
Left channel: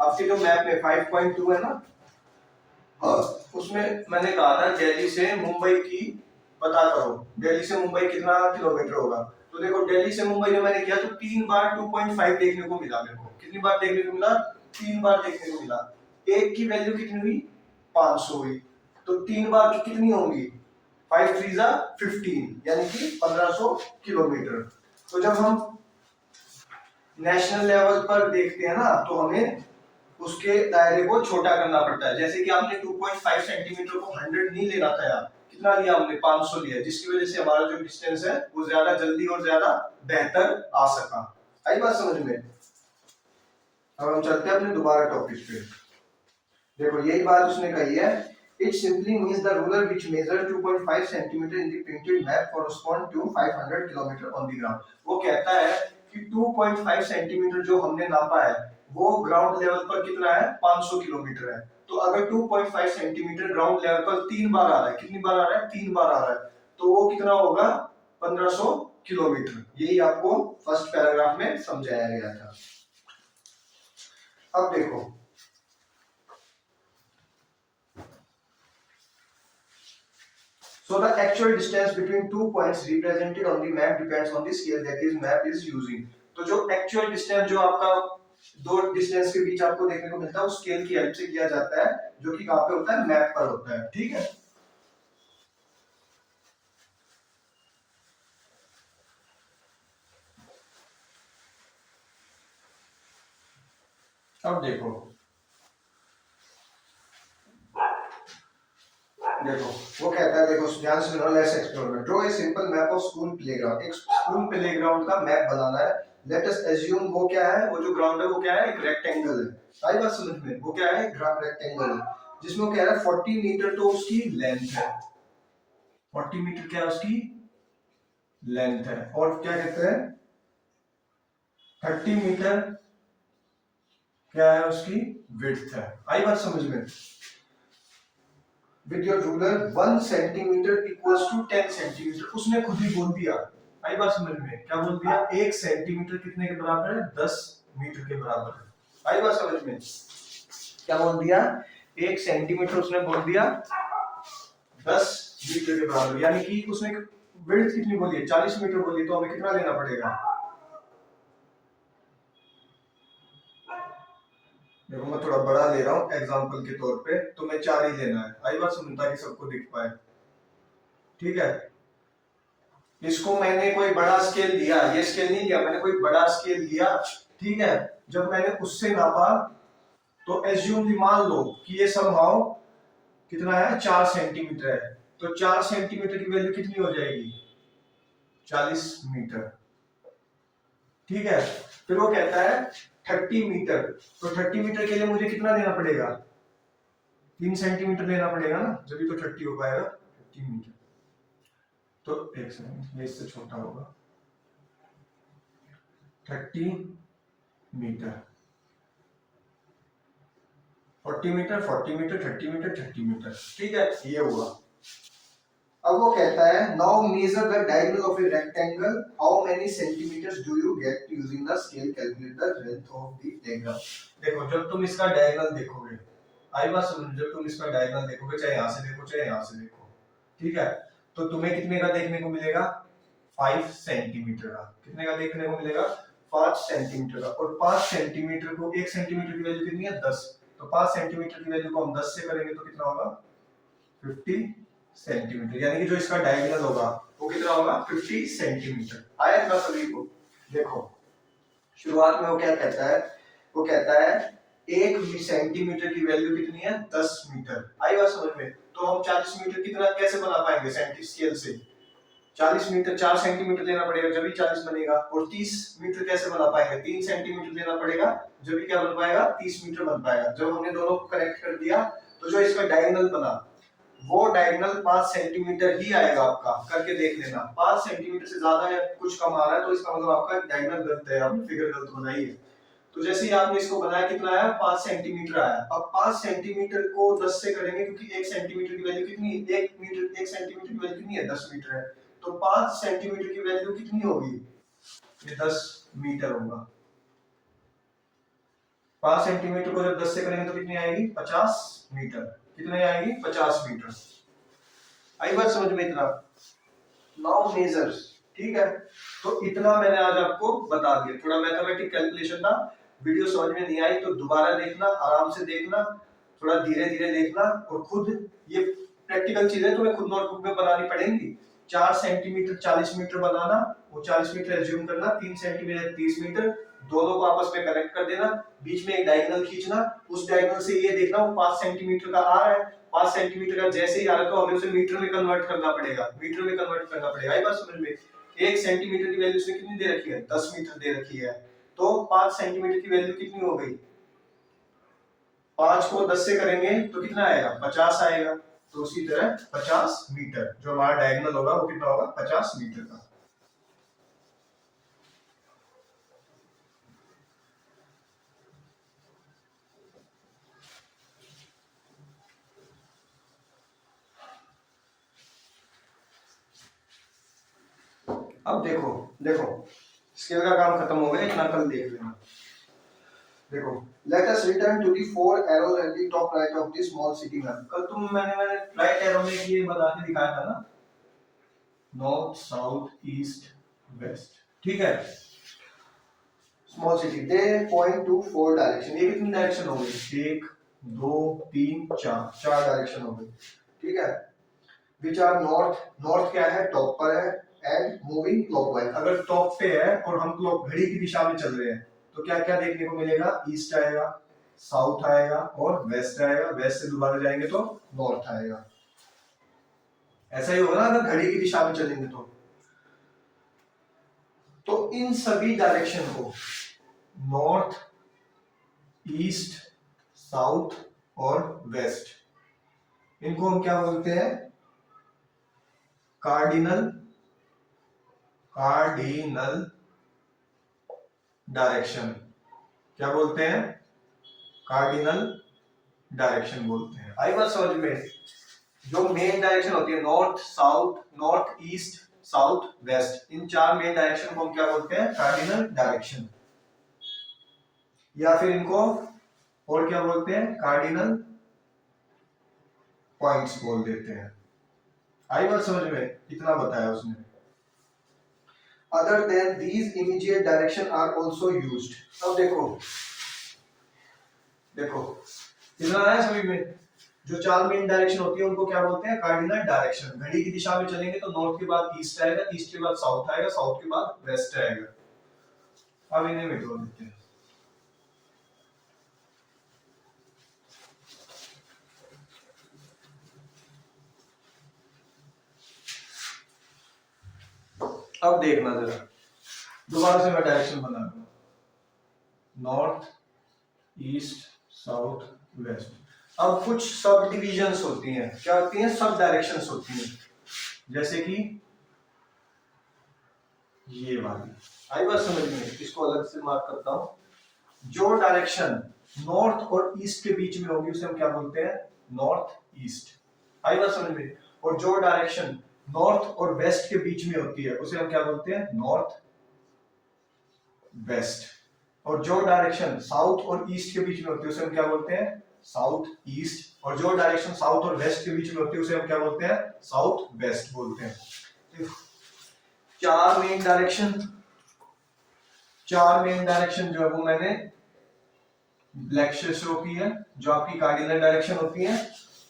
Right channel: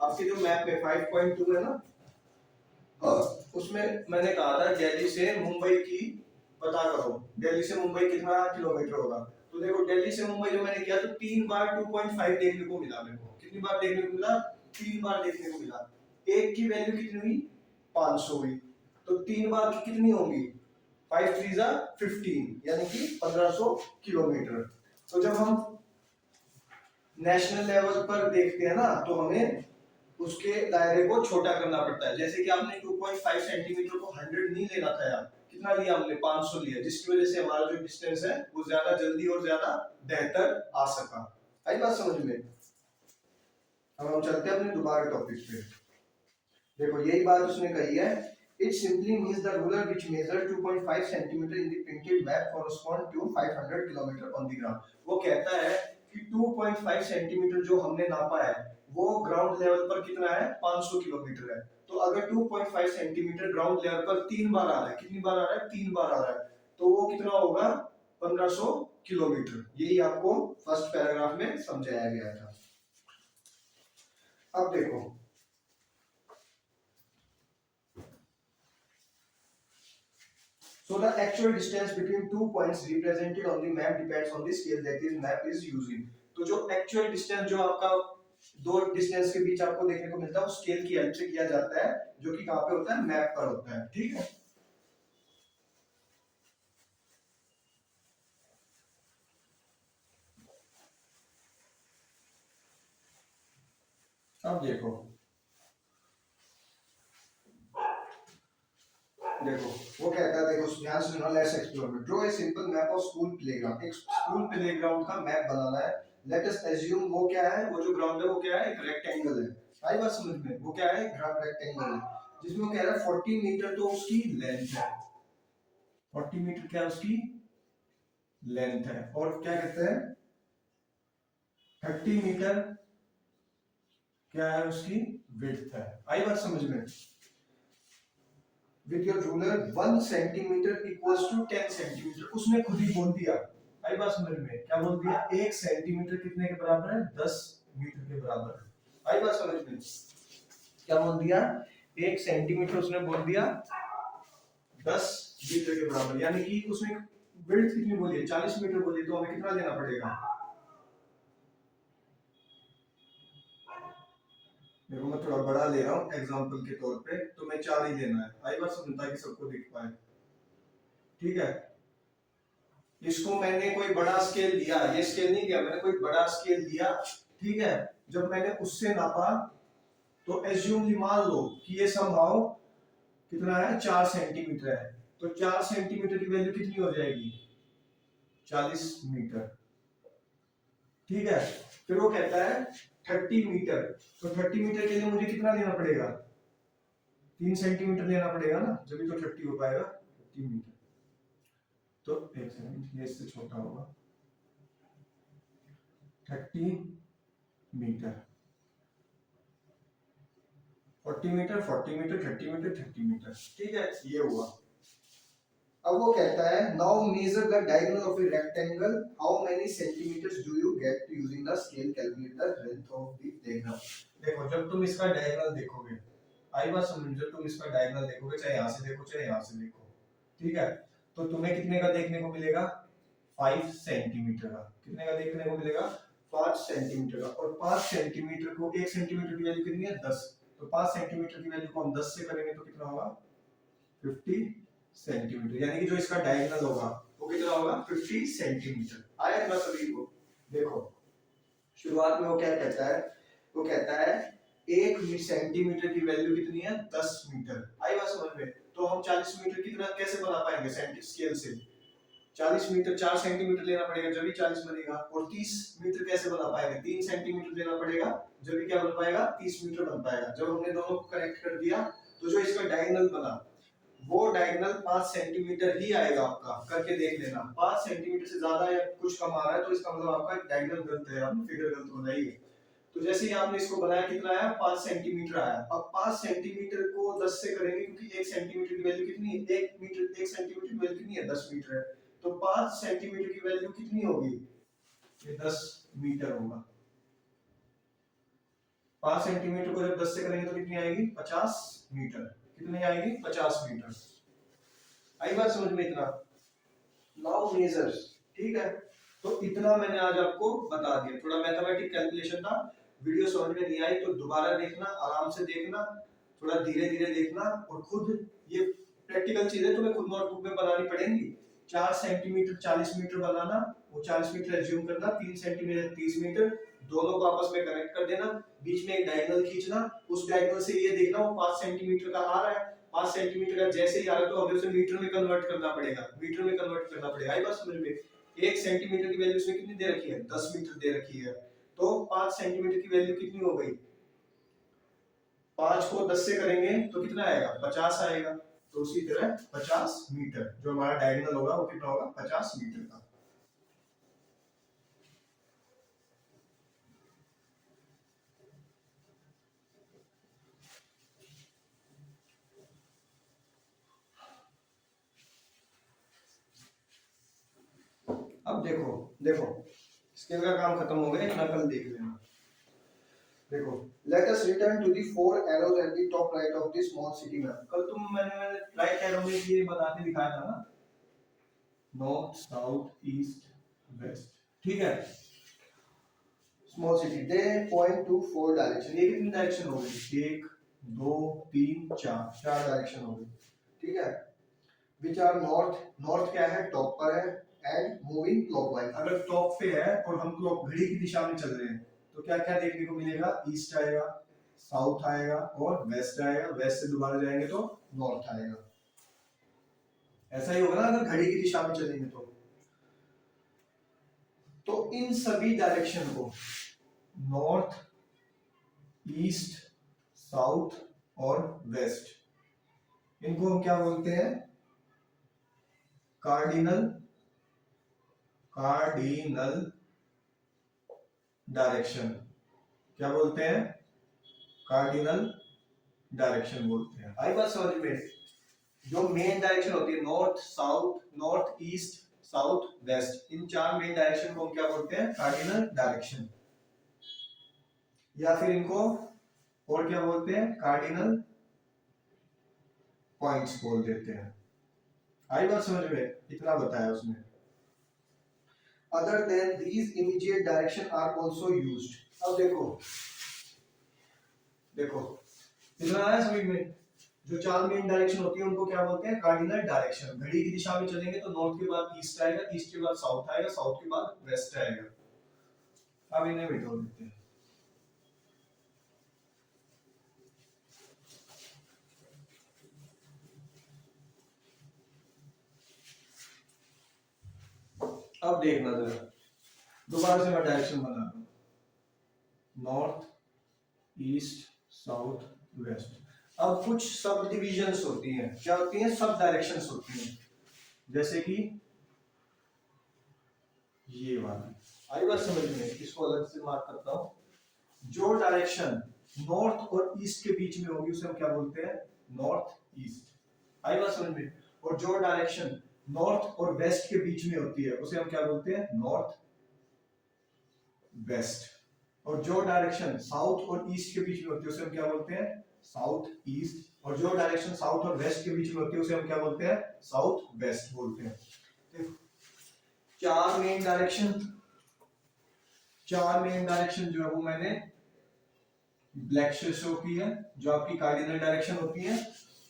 आपके जो मैप में 5.2 है ना, उसमें मैंने कहा था दिल्ली से मुंबई की पता करो, दिल्ली से मुंबई कितना किलोमीटर होगा। तो देखो दिल्ली से मुंबई में मैंने किया तो 3 बार 2.5 देखने को मिला मेरे को, कितनी बार देखने को मिला, 3 बार देखने को मिला। एक की वैल्यू कितनी हुई, 500 हुई, तो 3 बार की कितनी होंगी, 5 3 जा 15, यानी कि 1500 किलोमीटर। तो जब हम नेशनल लेवल पर देखते हैं ना, तो हमें उसके दायरे को छोटा करना पड़ता है। जैसे कि आपने 2.5 सेंटीमीटर को 100 नहीं लेना था यार, कितना लिया हमने, 500 लिया, जिसकी वजह से हमारा जो डिस्टेंस है वो ज्यादा जल्दी और ज्यादा बेहतर आ सका। आई बात समझ में। अब हम चलते हैं अपने दोबारा टॉपिक पे। देखो यही बात उसने कही है, it simply means the ruler which measure 2.5 centimetre in the printed map correspond to 500 kilometre on the ground. वो कहता है कि 2.5 सेंटीमीटर जो हमने नापा है वो ग्राउंड लेवल पर कितना है, 500 किलोमीटर है। तो अगर 2.5 सेंटीमीटर ग्राउंड लेवल पर 3 बार आ रहा है, कितनी बार आ रहा है, 3 बार आ रहा है, तो वो कितना होगा, 1500 किलोमीटर। यही आपको फर्स्ट पैराग्राफ में समझाया गया था। अब देखो so the actual distance between two points represented on the map depends on the scale that is map is using। तो जो actual distance जो आपका दो डिस्टेंस के बीच आपको देखने को मिलता है, उस स्केल की हेल्प से किया जाता है, जो कि कहां पे होता है, मैप पर होता है, ठीक है। अब देखो वो कहता है, देखो ध्यान से सुनो, let's explore, draw a simple map of school playground. एक स्कूल प्लेग्राउंड का मैप बनाना है। लेट अस अज्यूम वो क्या है, वो जो ग्राउंड है वो क्या है, एक रेक्टेंगल है। सारी बात समझ में, वो क्या है, एक रेक्टेंगल है, जिसमें वो कह रहा है 40 मीटर तो उसकी लेंथ है, 40 मीटर क्या उसकी लेंथ है, और क्या कहते हैं 30 मीटर क्या है उसकी विड्थ है। आई बात समझ में। with your ruler 1 centimetre equals to 10 centimetre, उसने खुद ही बोल दिया। आई बात समझ में, क्या बोल दिया, 1 सेंटीमीटर कितने के बराबर है, 10 मीटर के बराबर है। आई बात समझ में, क्या बोल दिया, 1 सेंटीमीटर उसने बोल दिया 10 मीटर के बराबर, यानी कि उसने विड्थ कितनी बोली है, 40 मीटर बोली, तो हमें कितना लेना पड़ेगा, देखो मैं थोड़ा बड़ा ले रहा हूँ एग्जांपल के तौर पे, तो मैं 4 ही लेना है। आई बात समझ, ताकि सबको दिख पाए, ठीक है। इसको मैंने कोई बड़ा स्केल लिया, ये स्केल नहीं लिया, मैंने कोई बड़ा स्केल लिया, ठीक है। जब मैंने उससे नापा तो एज्यूमली मान लो कि ये समहाउ कितना है, 4 सेंटीमीटर है। तो 4 सेंटीमीटर की वैल्यू कितनी हो जाएगी? 40 मीटर। ठीक है, फिर वो कहता है 30 मीटर। तो 30 मीटर के लिए मुझे कितना लेना पड़ेगा? 3 सेंटीमीटर लेना पड़ेगा ना, जब तो 30 हो पाएगा 30 मीटर। तो एक सेकंड, ये इससे छोटा होगा 30 metre, 40 metre, 40 metre, 30 metre, 30 metre. ठीक है, ये हुआ। अब वो कहता है now measure the diagonal of a rectangle, how many centimetres do you get using the scale, calculate the length of the diagram. देखो, जब तुम इसका डायगोनल देखोगे, आई बात समझ, जब तुम इसका डायगोनल देखोगे, चाहे यहां से देखो चाहे यहां से देखो, ठीक है, तो तुम्हें कितने का देखने को मिलेगा? 5 सेंटीमीटर का। कितने का देखने को मिलेगा? 5 सेंटीमीटर का। और 5 सेंटीमीटर को, 1 सेंटीमीटर की वैल्यू कितनी है? 10। तो 5 सेंटीमीटर की वैल्यू को हम 10 से करेंगे तो कितना होगा? 50 सेंटीमीटर। यानी कि जो इसका डायगोनल होगा वो कितना होगा? 50 सेंटीमीटर। आया इतना सभी को? देखो, शुरुआत में वो क्या कहता है? वो कहता है 1 सेंटीमीटर की वैल्यू कितनी है? 10 मीटर। आई बात समझ में? तो हम 40 मीटर कितना कैसे बना पाएंगे स्केल से? 40 मीटर 4 सेंटीमीटर लेना पड़ेगा जब भी 40 बनेगा। और 30 मीटर कैसे बना पाएंगे? 3 सेंटीमीटर लेना पड़ेगा जब भी क्या बन पाएगा? 30 मीटर बन पाएगा। जब हमने दोनों को कनेक्ट कर दिया तो जो इसका डायगोनल बना वो डायगोनल 5 सेंटीमीटर ही आएगा आपका। करके देख लेना, 5 सेंटीमीटर से ज्यादा है कुछ कम आ रहा है तो इसका मतलब आपका डायगोनल गलत है, आपने फिगर गलत बनाई है। तो जैसे ही आपने इसको बनाया कितना आया? 5 सेंटीमीटर आया। अब 5 सेंटीमीटर को 10 से करेंगे क्योंकि 1 सेंटीमीटर की वैल्यू कितनी है? 1 सेंटीमीटर की वैल्यू कितनी है? 10 मीटर है। तो 5 सेंटीमीटर की वैल्यू कितनी होगी? ये 10 मीटर होगा। 5 सेंटीमीटर को जब 10 से करेंगे तो कितनी आएगी? 50 मीटर। कितनी आएगी? 50 मीटर। आई बात समझ में? इतना नाउ मेजर्स। ठीक है, तो इतना मैंने आज आपको बता दिया। थोड़ा मैथमेटिक कैलकुलेशन था, वीडियो समझ में नहीं आई तो दोबारा देखना, आराम से देखना, थोड़ा धीरे धीरे देखना। और खुद ये प्रैक्टिकल चीजें तुम्हें खुद नोटबुक में बनानी पड़ेंगी। 4 सेंटीमीटर 40 मीटर बनाना, वो 40 मीटर एज्यूम करना, 3 सेंटीमीटर 30 मीटर, दोनों को आपस में कनेक्ट कर देना, बीच में एक डायगोनल खींचना, उस डायगोनल से ये देखना वो 5 सेंटीमीटर का आ रहा है। 5 सेंटीमीटर का जैसे ही आ रहा है तो हमें उसे मीटर में कन्वर्ट करना पड़ेगा। मीटर में कन्वर्ट करना पड़ेगा। ये बात समझ में? 1 सेंटीमीटर की वैल्यू उसने कितनी दे रखी है? 10 मीटर दे रखी है। तो 5 सेंटीमीटर की वैल्यू कितनी हो गई? 5 को 10 से करेंगे तो कितना आएगा? 50 आएगा। तो उसी तरह 50 मीटर जो हमारा डायगोनल होगा वो कितना होगा? 50 मीटर का। अब देखो, देखो स्केल का काम खत्म हो गया, इतना कल देख लेना। देखो, let us return to the 4 arrows at the top right of the small city map। कल मैंने राइट एरो में ये बता के दिखाया था ना, नॉर्थ साउथ ईस्ट वेस्ट। ठीक है, स्मॉल सिटी दे पॉइंट टू 4 डायरेक्शन। ये कितनी डायरेक्शन हो गई? 1 2 3 4, 4 डायरेक्शन हो गई। ठीक है, विच आर नॉर्थ। नॉर्थ क्या है? टॉप पर है। And moving clockwise. अगर टॉप पे है और हम क्लॉक घड़ी की दिशा में चल रहे हैं तो क्या क्या देखने को मिलेगा? ईस्ट आएगा, साउथ आएगा और वेस्ट आएगा। वेस्ट से दोबारा जाएंगे तो नॉर्थ आएगा। ऐसा ही होगा ना अगर घड़ी की दिशा में चलेंगे तो इन सभी डायरेक्शन को, नॉर्थ ईस्ट साउथ और वेस्ट, इनको हम क्या बोलते हैं? Cardinal cardinal direction. क्या बोलते हैं? कार्डिनल डायरेक्शन बोलते हैं। आई बात समझ में? जो मेन डायरेक्शन होती है north south, north east south west, इन 4 मेन डायरेक्शन को हम क्या बोलते हैं? Cardinal direction. या फिर इनको और क्या बोलते हैं? कार्डिनल पॉइंट्स बोल देते हैं। आई बात समझ में? इतना बताया उसने। Other than these immediate direction are also used. अब देखो, देखो इतना आया समझ में? जो 4 मेन डायरेक्शन होती है उनको क्या बोलते हैं? Cardinal direction. घड़ी की दिशा में चलेंगे तो नॉर्थ के बाद ईस्ट आएगा, ईस्ट के बाद साउथ आएगा, साउथ के बाद वेस्ट आएगा। अब इन्हें मिटा देते हैं। अब देखना जरा, दोबारा से मैं डायरेक्शन बना दूं, नॉर्थ ईस्ट साउथ वेस्ट। अब कुछ सब डिविजन्स होती हैं, क्या होती हैं, सब डायरेक्शंस होती हैं, जैसे कि ये वाली, आई बात समझ में, इसको अलग से मार्क करता हूं। जो डायरेक्शन नॉर्थ और ईस्ट के बीच में होगी उसे हम क्या बोलते हैं, नॉर्थ ईस्ट, आई बात समझ में। और जो डायरेक्शन नॉर्थ और वेस्ट के बीच में होती है उसे हम क्या बोलते हैं, नॉर्थ वेस्ट। और जो डायरेक्शन साउथ और ईस्ट के बीच में होती है उसे हम क्या बोलते हैं, साउथ ईस्ट। और जो डायरेक्शन साउथ और वेस्ट के बीच में होती है उसे हम क्या बोलते हैं, साउथ वेस्ट बोलते हैं। तो चार मेन डायरेक्शन जो है वो मैंने ब्लैक से शो की है, जो आपकी कार्डिनल डायरेक्शन होती है,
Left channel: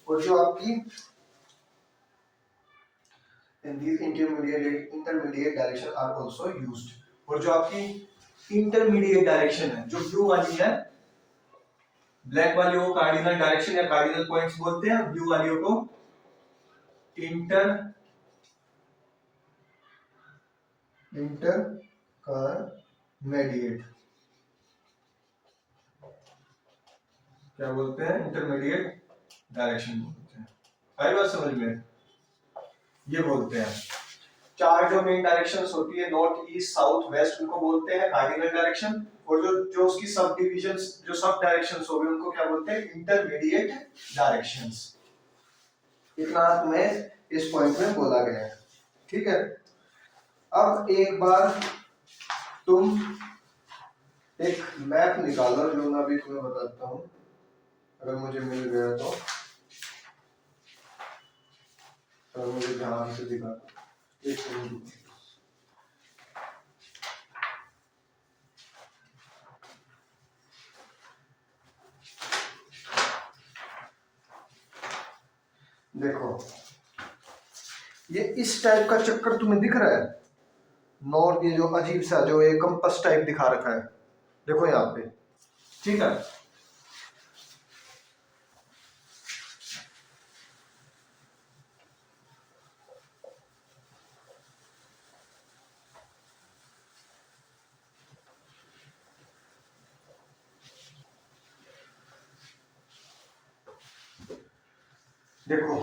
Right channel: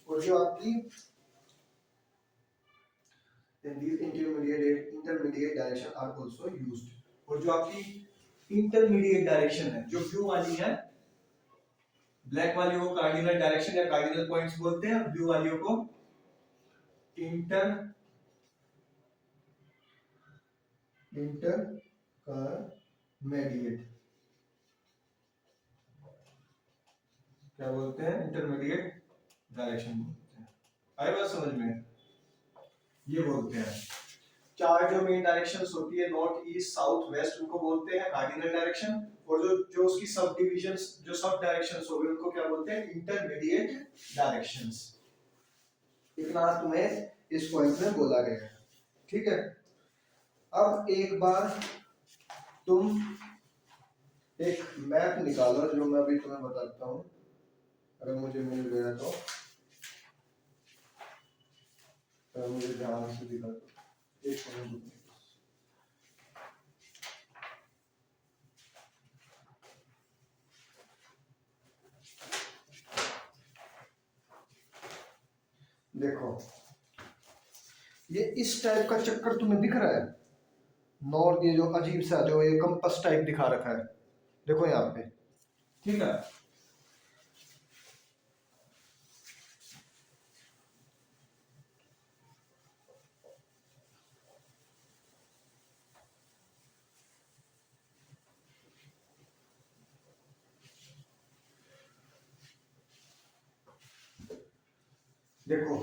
और जो आपकी intermediate direction are also used। और जो आपकी इंटरमीडिएट डायरेक्शन है, जो ब्लू वाली है, ब्लैक वाली को कार्डिनल डायरेक्शन या कार्डिनल पॉइंट्स बोलते हैं, ब्लू वाली को इंटरमीडिएट क्या बोलते हैं, इंटरमीडिएट डायरेक्शन बोलते हैं। आई बात समझ में, ये बोलते हैं। चार जो मेन डायरेक्शंस होती है, नॉर्थ ईस्ट साउथ वेस्ट, उनको बोलते हैं कार्डिनल डायरेक्शन। और जो जो उसकी सब डिविजन्स, जो सब डायरेक्शंस हो गए, उनको क्या बोलते हैं, इंटरमीडिएट डायरेक्शंस। इतना तुम्हें इस पॉइंट में बोला गया है, ठीक है। अब एक बार तुम एक मैप निकालो, जो मैं अभी तुम्हें बताता हूं, अगर मुझे मिल गया तो मुझे ध्यान से दिखा, एक मिनट। देखो, ये इस टाइप का चक्कर तुम्हें दिख रहा है, नॉर्थ, ये जो अजीब सा जो ये कंपास टाइप दिखा रखा है, देखो यहाँ पे, ठीक है। देखो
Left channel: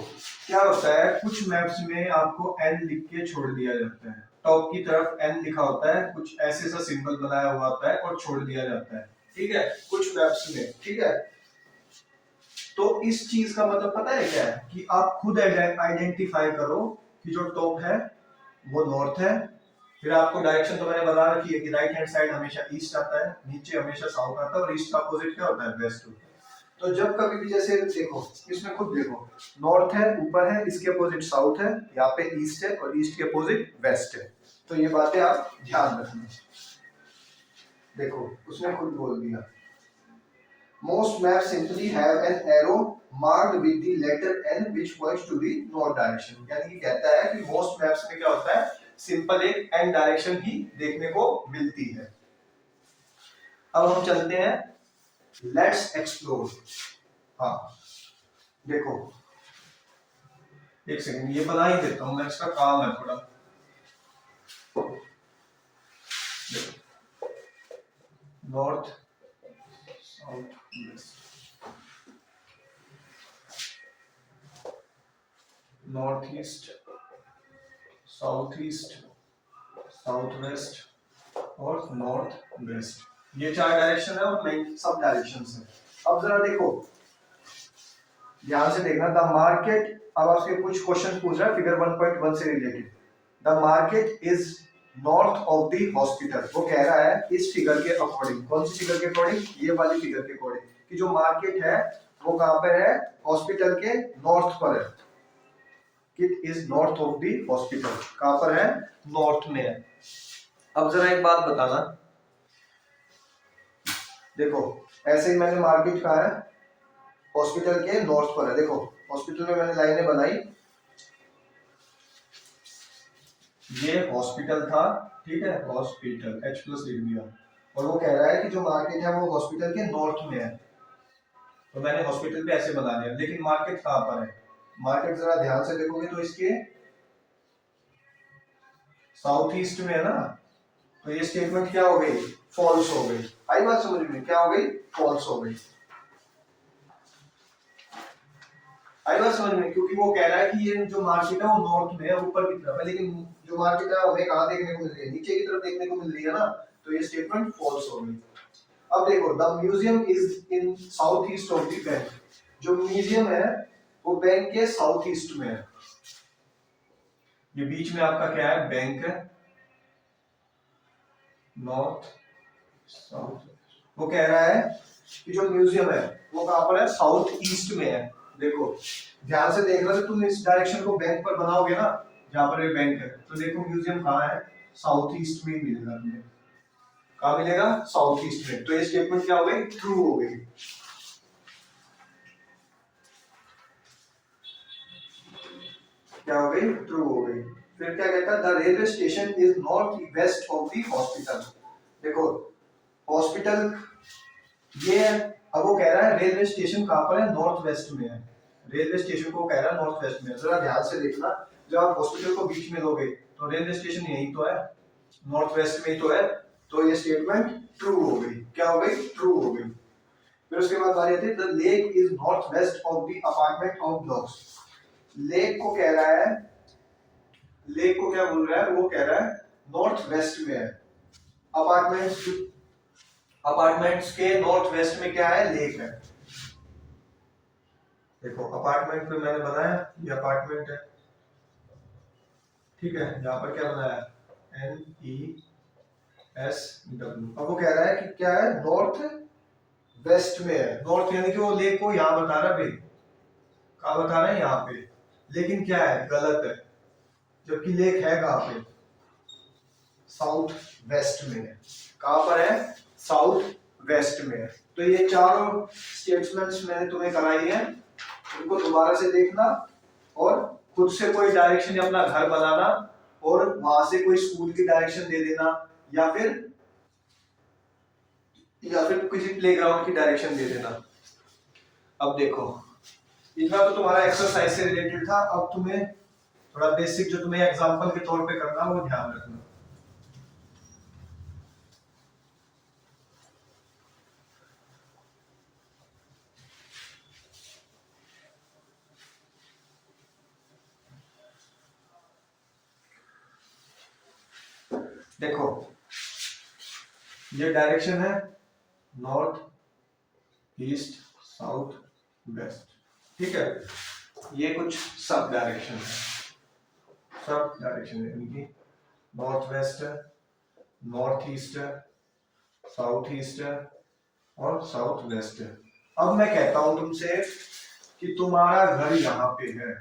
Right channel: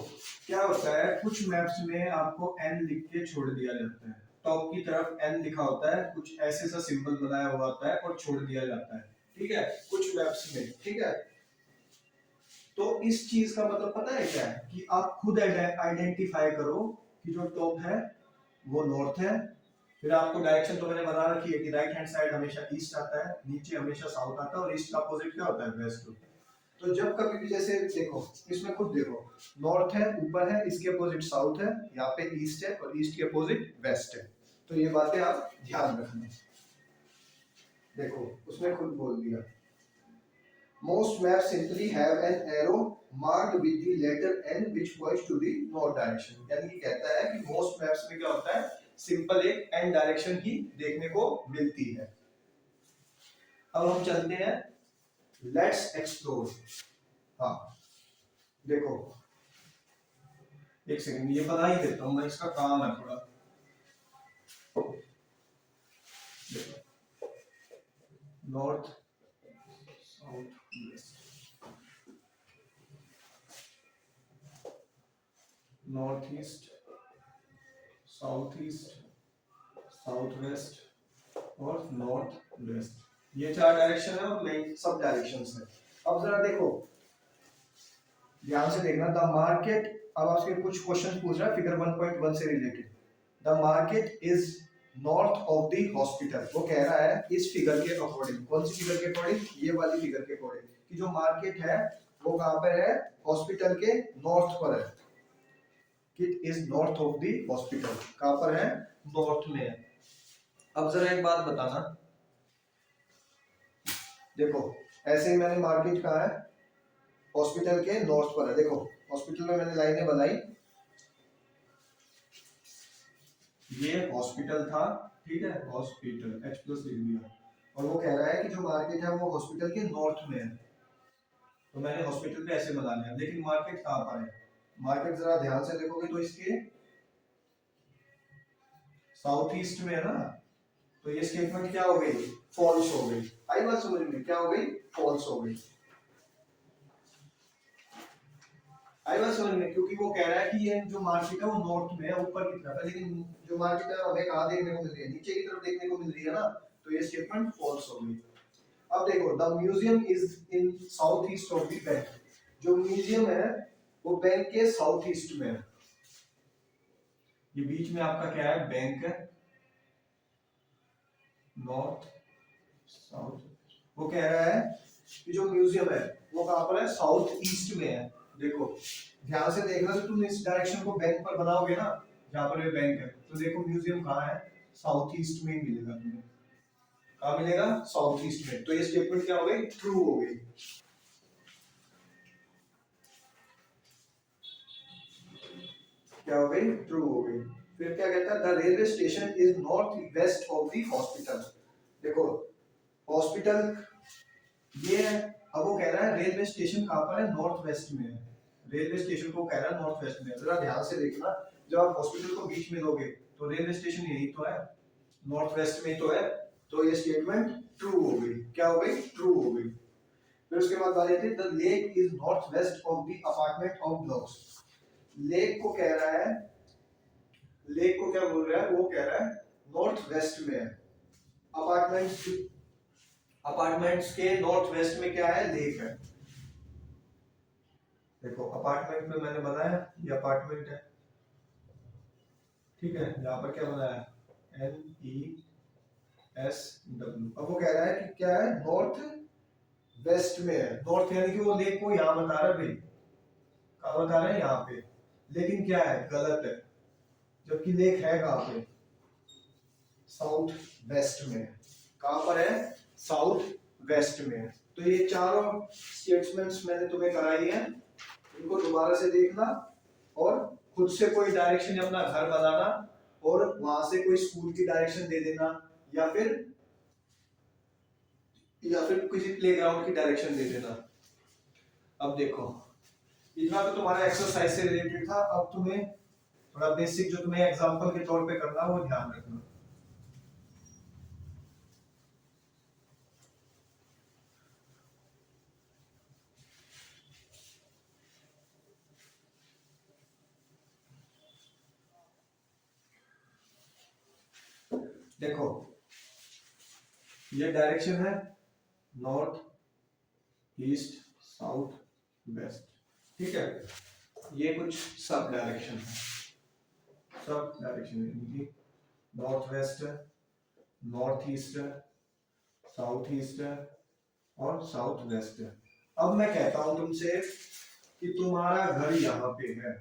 क्या होता है, कुछ मैप्स में आपको एन लिख के छोड़ दिया जाता है, टॉप की तरफ एन लिखा होता है, कुछ ऐसे सा सिंबल बनाया हुआ होता है और छोड़ दिया जाता है, ठीक है, कुछ मैप्स में, ठीक है। तो इस चीज का मतलब पता है क्या है, कि आप खुद आइडेंटिफाई करो कि जो टॉप है वो नॉर्थ है। फिर आपको डायरेक्शन तो मैंने बता रखी है कि राइट हैंड साइड हमेशा ईस्ट आता है, नीचे हमेशा साउथ आता है, और ईस्ट का अपोजिट क्या होता है, वेस्ट होता है। तो जब कभी भी जैसे देखो, इसमें खुद देखो, नॉर्थ है ऊपर है, इसके अपोजिट साउथ है, यहाँ पे ईस्ट है, और ईस्ट के अपोजिट वेस्ट है। तो ये बातें आप ध्यान रखना। देखो उसने खुद बोल दिया, most maps simply have an arrow marked with the letter N which points to the north direction। यानी कि कहता है कि most maps में क्या होता है, सिंपल एक N डायरेक्शन ही देखने को मिलती है। अब हम चलते हैं, लेट्स एक्सप्लोर। हाँ देखो, एक सेकंड ये बना ही देता हूं मैं, इसका काम है थोड़ा। North south west, north east south east south waste और नॉर्थ वेस्ट, ये चार डायरेक्शन है और मेन सब डायरेक्शंस है। अब जरा देखो, ध्यान से देखना, द मार्केट, अब आपसे कुछ क्वेश्चन पूछ रहा है फिगर 1.1 से related. The market is north of the hospital, वो कह रहा है इस फिगर के अकॉर्डिंग, कौन सी फिगर के अकॉर्डिंग, ये वाली फिगर के अकॉर्डिंग, कि जो मार्केट है वो कहां पर है, हॉस्पिटल के नॉर्थ पर है। It is north of the hospital, कहां पर है, नॉर्थ में है। अब जरा एक बात बताना, देखो ऐसे ही मैंने मार्केट कहा है, हॉस्पिटल के नॉर्थ पर है। देखो हॉस्पिटल में मैंने लाइनें बनाई, ये हॉस्पिटल था, ठीक है, हॉस्पिटल H प्लस लिख दिया, और वो कह रहा है कि जो मार्केट है वो हॉस्पिटल के नॉर्थ में है, तो मैंने हॉस्पिटल पे ऐसे बना दिया। लेकिन मार्केट कहां पर है, मार्केट जरा ध्यान से देखोगे तो इसके साउथ ईस्ट में है ना, तो ये स्टेटमेंट क्या हो गई, फॉल्स हो गई। आई बात समझ में, क्या हो गई, फॉल्स हो गई। आई बात समझ में, क्योंकि वो कह रहा है कि ये जो मार्केट है वो नॉर्थ में है, ऊपर की तरफ है, लेकिन जो मार्केट है हमें कहाँ देखने को मिल रही है, नीचे की तरफ देखने को मिल रही है ना, तो ये स्टेटमेंट फॉल्स हो गई। अब देखो, the museum is in south east of the bank, जो म्यूजियम है वो बैंक के साउथ ईस्ट में है। ये बीच में आपका क्या है, बैंक है, नॉर्थ साउथ। वो कह रहा है कि जो म्यूजियम है वो कहां पर है, साउथ ईस्ट में है। देखो ध्यान से देखना, जब तुम इस डायरेक्शन को बैंक पर बनाओगे ना, जहां पर ये बैंक है, तो देखो म्यूजियम कहां है, साउथ ईस्ट में ही मिलेगा तुम्हें। कहां मिलेगा, साउथ ईस्ट में। तो ये स्टेटमेंट क्या हो गई, ट्रू हो गई। क्या हो गई, ट्रू हो गई। फिर क्या कहता है, the railway station is north west of the hospital. देखो हॉस्पिटल ये है, अब वो कह रहा है रेलवे स्टेशन कहां पर है, नॉर्थ वेस्ट में है। रेलवे स्टेशन को कह रहा है नॉर्थ वेस्ट में। जरा ध्यान से देखना, जब आप हॉस्पिटल को बीच में लोगे तो रेलवे स्टेशन यही तो है, नॉर्थ वेस्ट में ही तो है। तो ये स्टेटमेंट ट्रू हो गई। क्या हो गई, ट्रू हो गई। फिर उसके बाद बारी आती है, the lake is north west of the apartment of blocks. Lake को कह रहा है, लेक को क्या बोल रहा है, वो कह रहा है नॉर्थ वेस्ट में है। अपार्टमेंट्स, अपार्टमेंट्स के नॉर्थ वेस्ट में क्या है, लेक है। देखो अपार्टमेंट पे मैंने बनाया, ये अपार्टमेंट है, ठीक है, यहाँ पर क्या बनाया, NESW। अब वो कह रहा है कि क्या है, नॉर्थ वेस्ट में है। नॉर्थ यानी कि वो लेक को यहाँ बता रहा है भाई, कहाँ बता रहा है, यहाँ पे। लेकिन क्या है, गलत है, जबकि लेक है कहाँ पे, साउथ वेस्ट में है। कहाँ पर है, साउथ वेस्ट में है। तो ये चारों स्टेटमेंट्स मैंने तुम्हें कराई है, उनको दोबारा से देखना और खुद से कोई डायरेक्शन अपना घर बनाना और वहां से कोई स्कूल की डायरेक्शन दे देना, या फिर किसी प्लेग्राउंड की डायरेक्शन दे देना। अब देखो इतना तो तुम्हारा एक्सरसाइज से रिलेटेड था। अब तुम्हें थोड़ा बेसिक जो तुम्हें एग्जांपल के तौर पे करना वो ध्यान रखना। देखो ये डायरेक्शन है नॉर्थ ईस्ट साउथ वेस्ट, ठीक है। ये कुछ सब डायरेक्शन है, सब डायरेक्शन है, यानी नॉर्थ वेस्ट है, नॉर्थ ईस्ट है, साउथ ईस्ट है और साउथ वेस्ट है। अब मैं कहता हूं तुमसे कि तुम्हारा घर यहाँ पे है,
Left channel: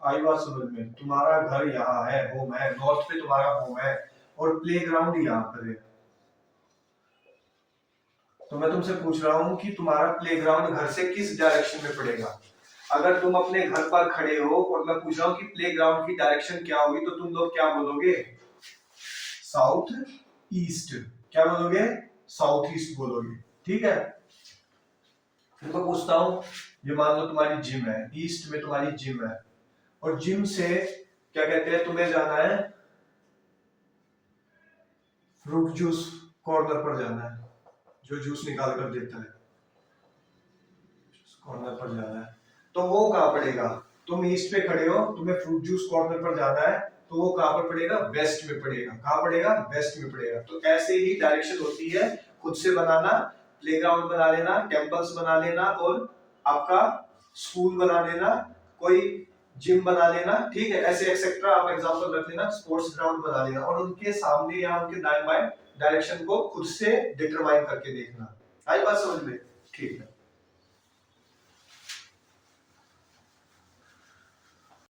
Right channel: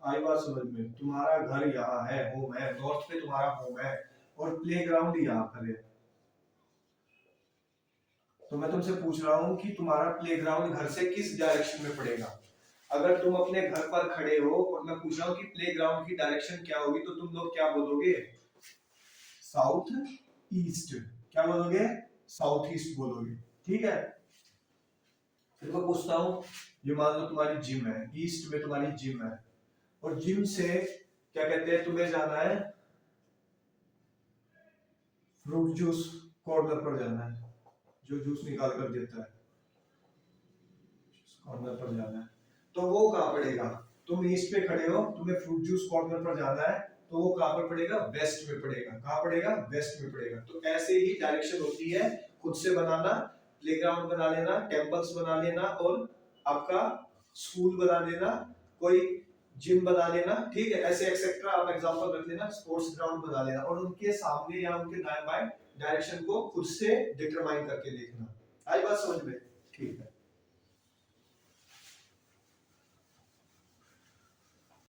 आई बात समझ में, तुम्हारा घर यहाँ है, होम है, नॉर्थ पे तुम्हारा होम है और प्लेग्राउंड यहाँ पर है। तो मैं तुमसे पूछ रहा हूँ कि तुम्हारा प्लेग्राउंड घर से किस डायरेक्शन में पड़ेगा। अगर तुम अपने घर पर खड़े हो और मैं पूछ रहा हूँ कि प्लेग्राउंड की डायरेक्शन क्या होगी, तो तुम लोग क्या बोलोगे, साउथ ईस्ट। क्या बोलोगे, साउथ ईस्ट बोलोगे, ठीक है। फिर मैं पूछता हूँ, ये मान लो तुम्हारी जिम है, ईस्ट में तुम्हारी जिम है, और जिम से क्या कहते हैं, तुम्हें जाना है फ्रूट जूस कॉर्नर पर जाना है, जो जूस निकाल कर देता है, कॉर्नर पर जाना है। तो वो कहाँ पड़ेगा, तुम ईस्ट पे खड़े हो, तुम्हें फ्रूट जूस कॉर्नर पर जाना है, तो वो कहाँ पर पड़ेगा, वेस्ट में पड़ेगा। कहाँ पड़ेगा, वेस्ट में पड़ेगा। तो ऐसे ही डायरेक्शन होती है, खुद से बनाना, प्लेग्राउंड बना लेना, टेम्पल्स बना लेना और आपका स्कूल बना लेना, कोई जिम बना लेना, ठीक है। ऐसे एक्सेट्रा आप एग्जांपल रख लेना, स्पोर्ट्स ग्राउंड बना लेना और उनके सामने या उनके दाएं बाएं डायरेक्शन को खुद से डिटरमाइन करके देखना। आई बात समझ में, ठीक है।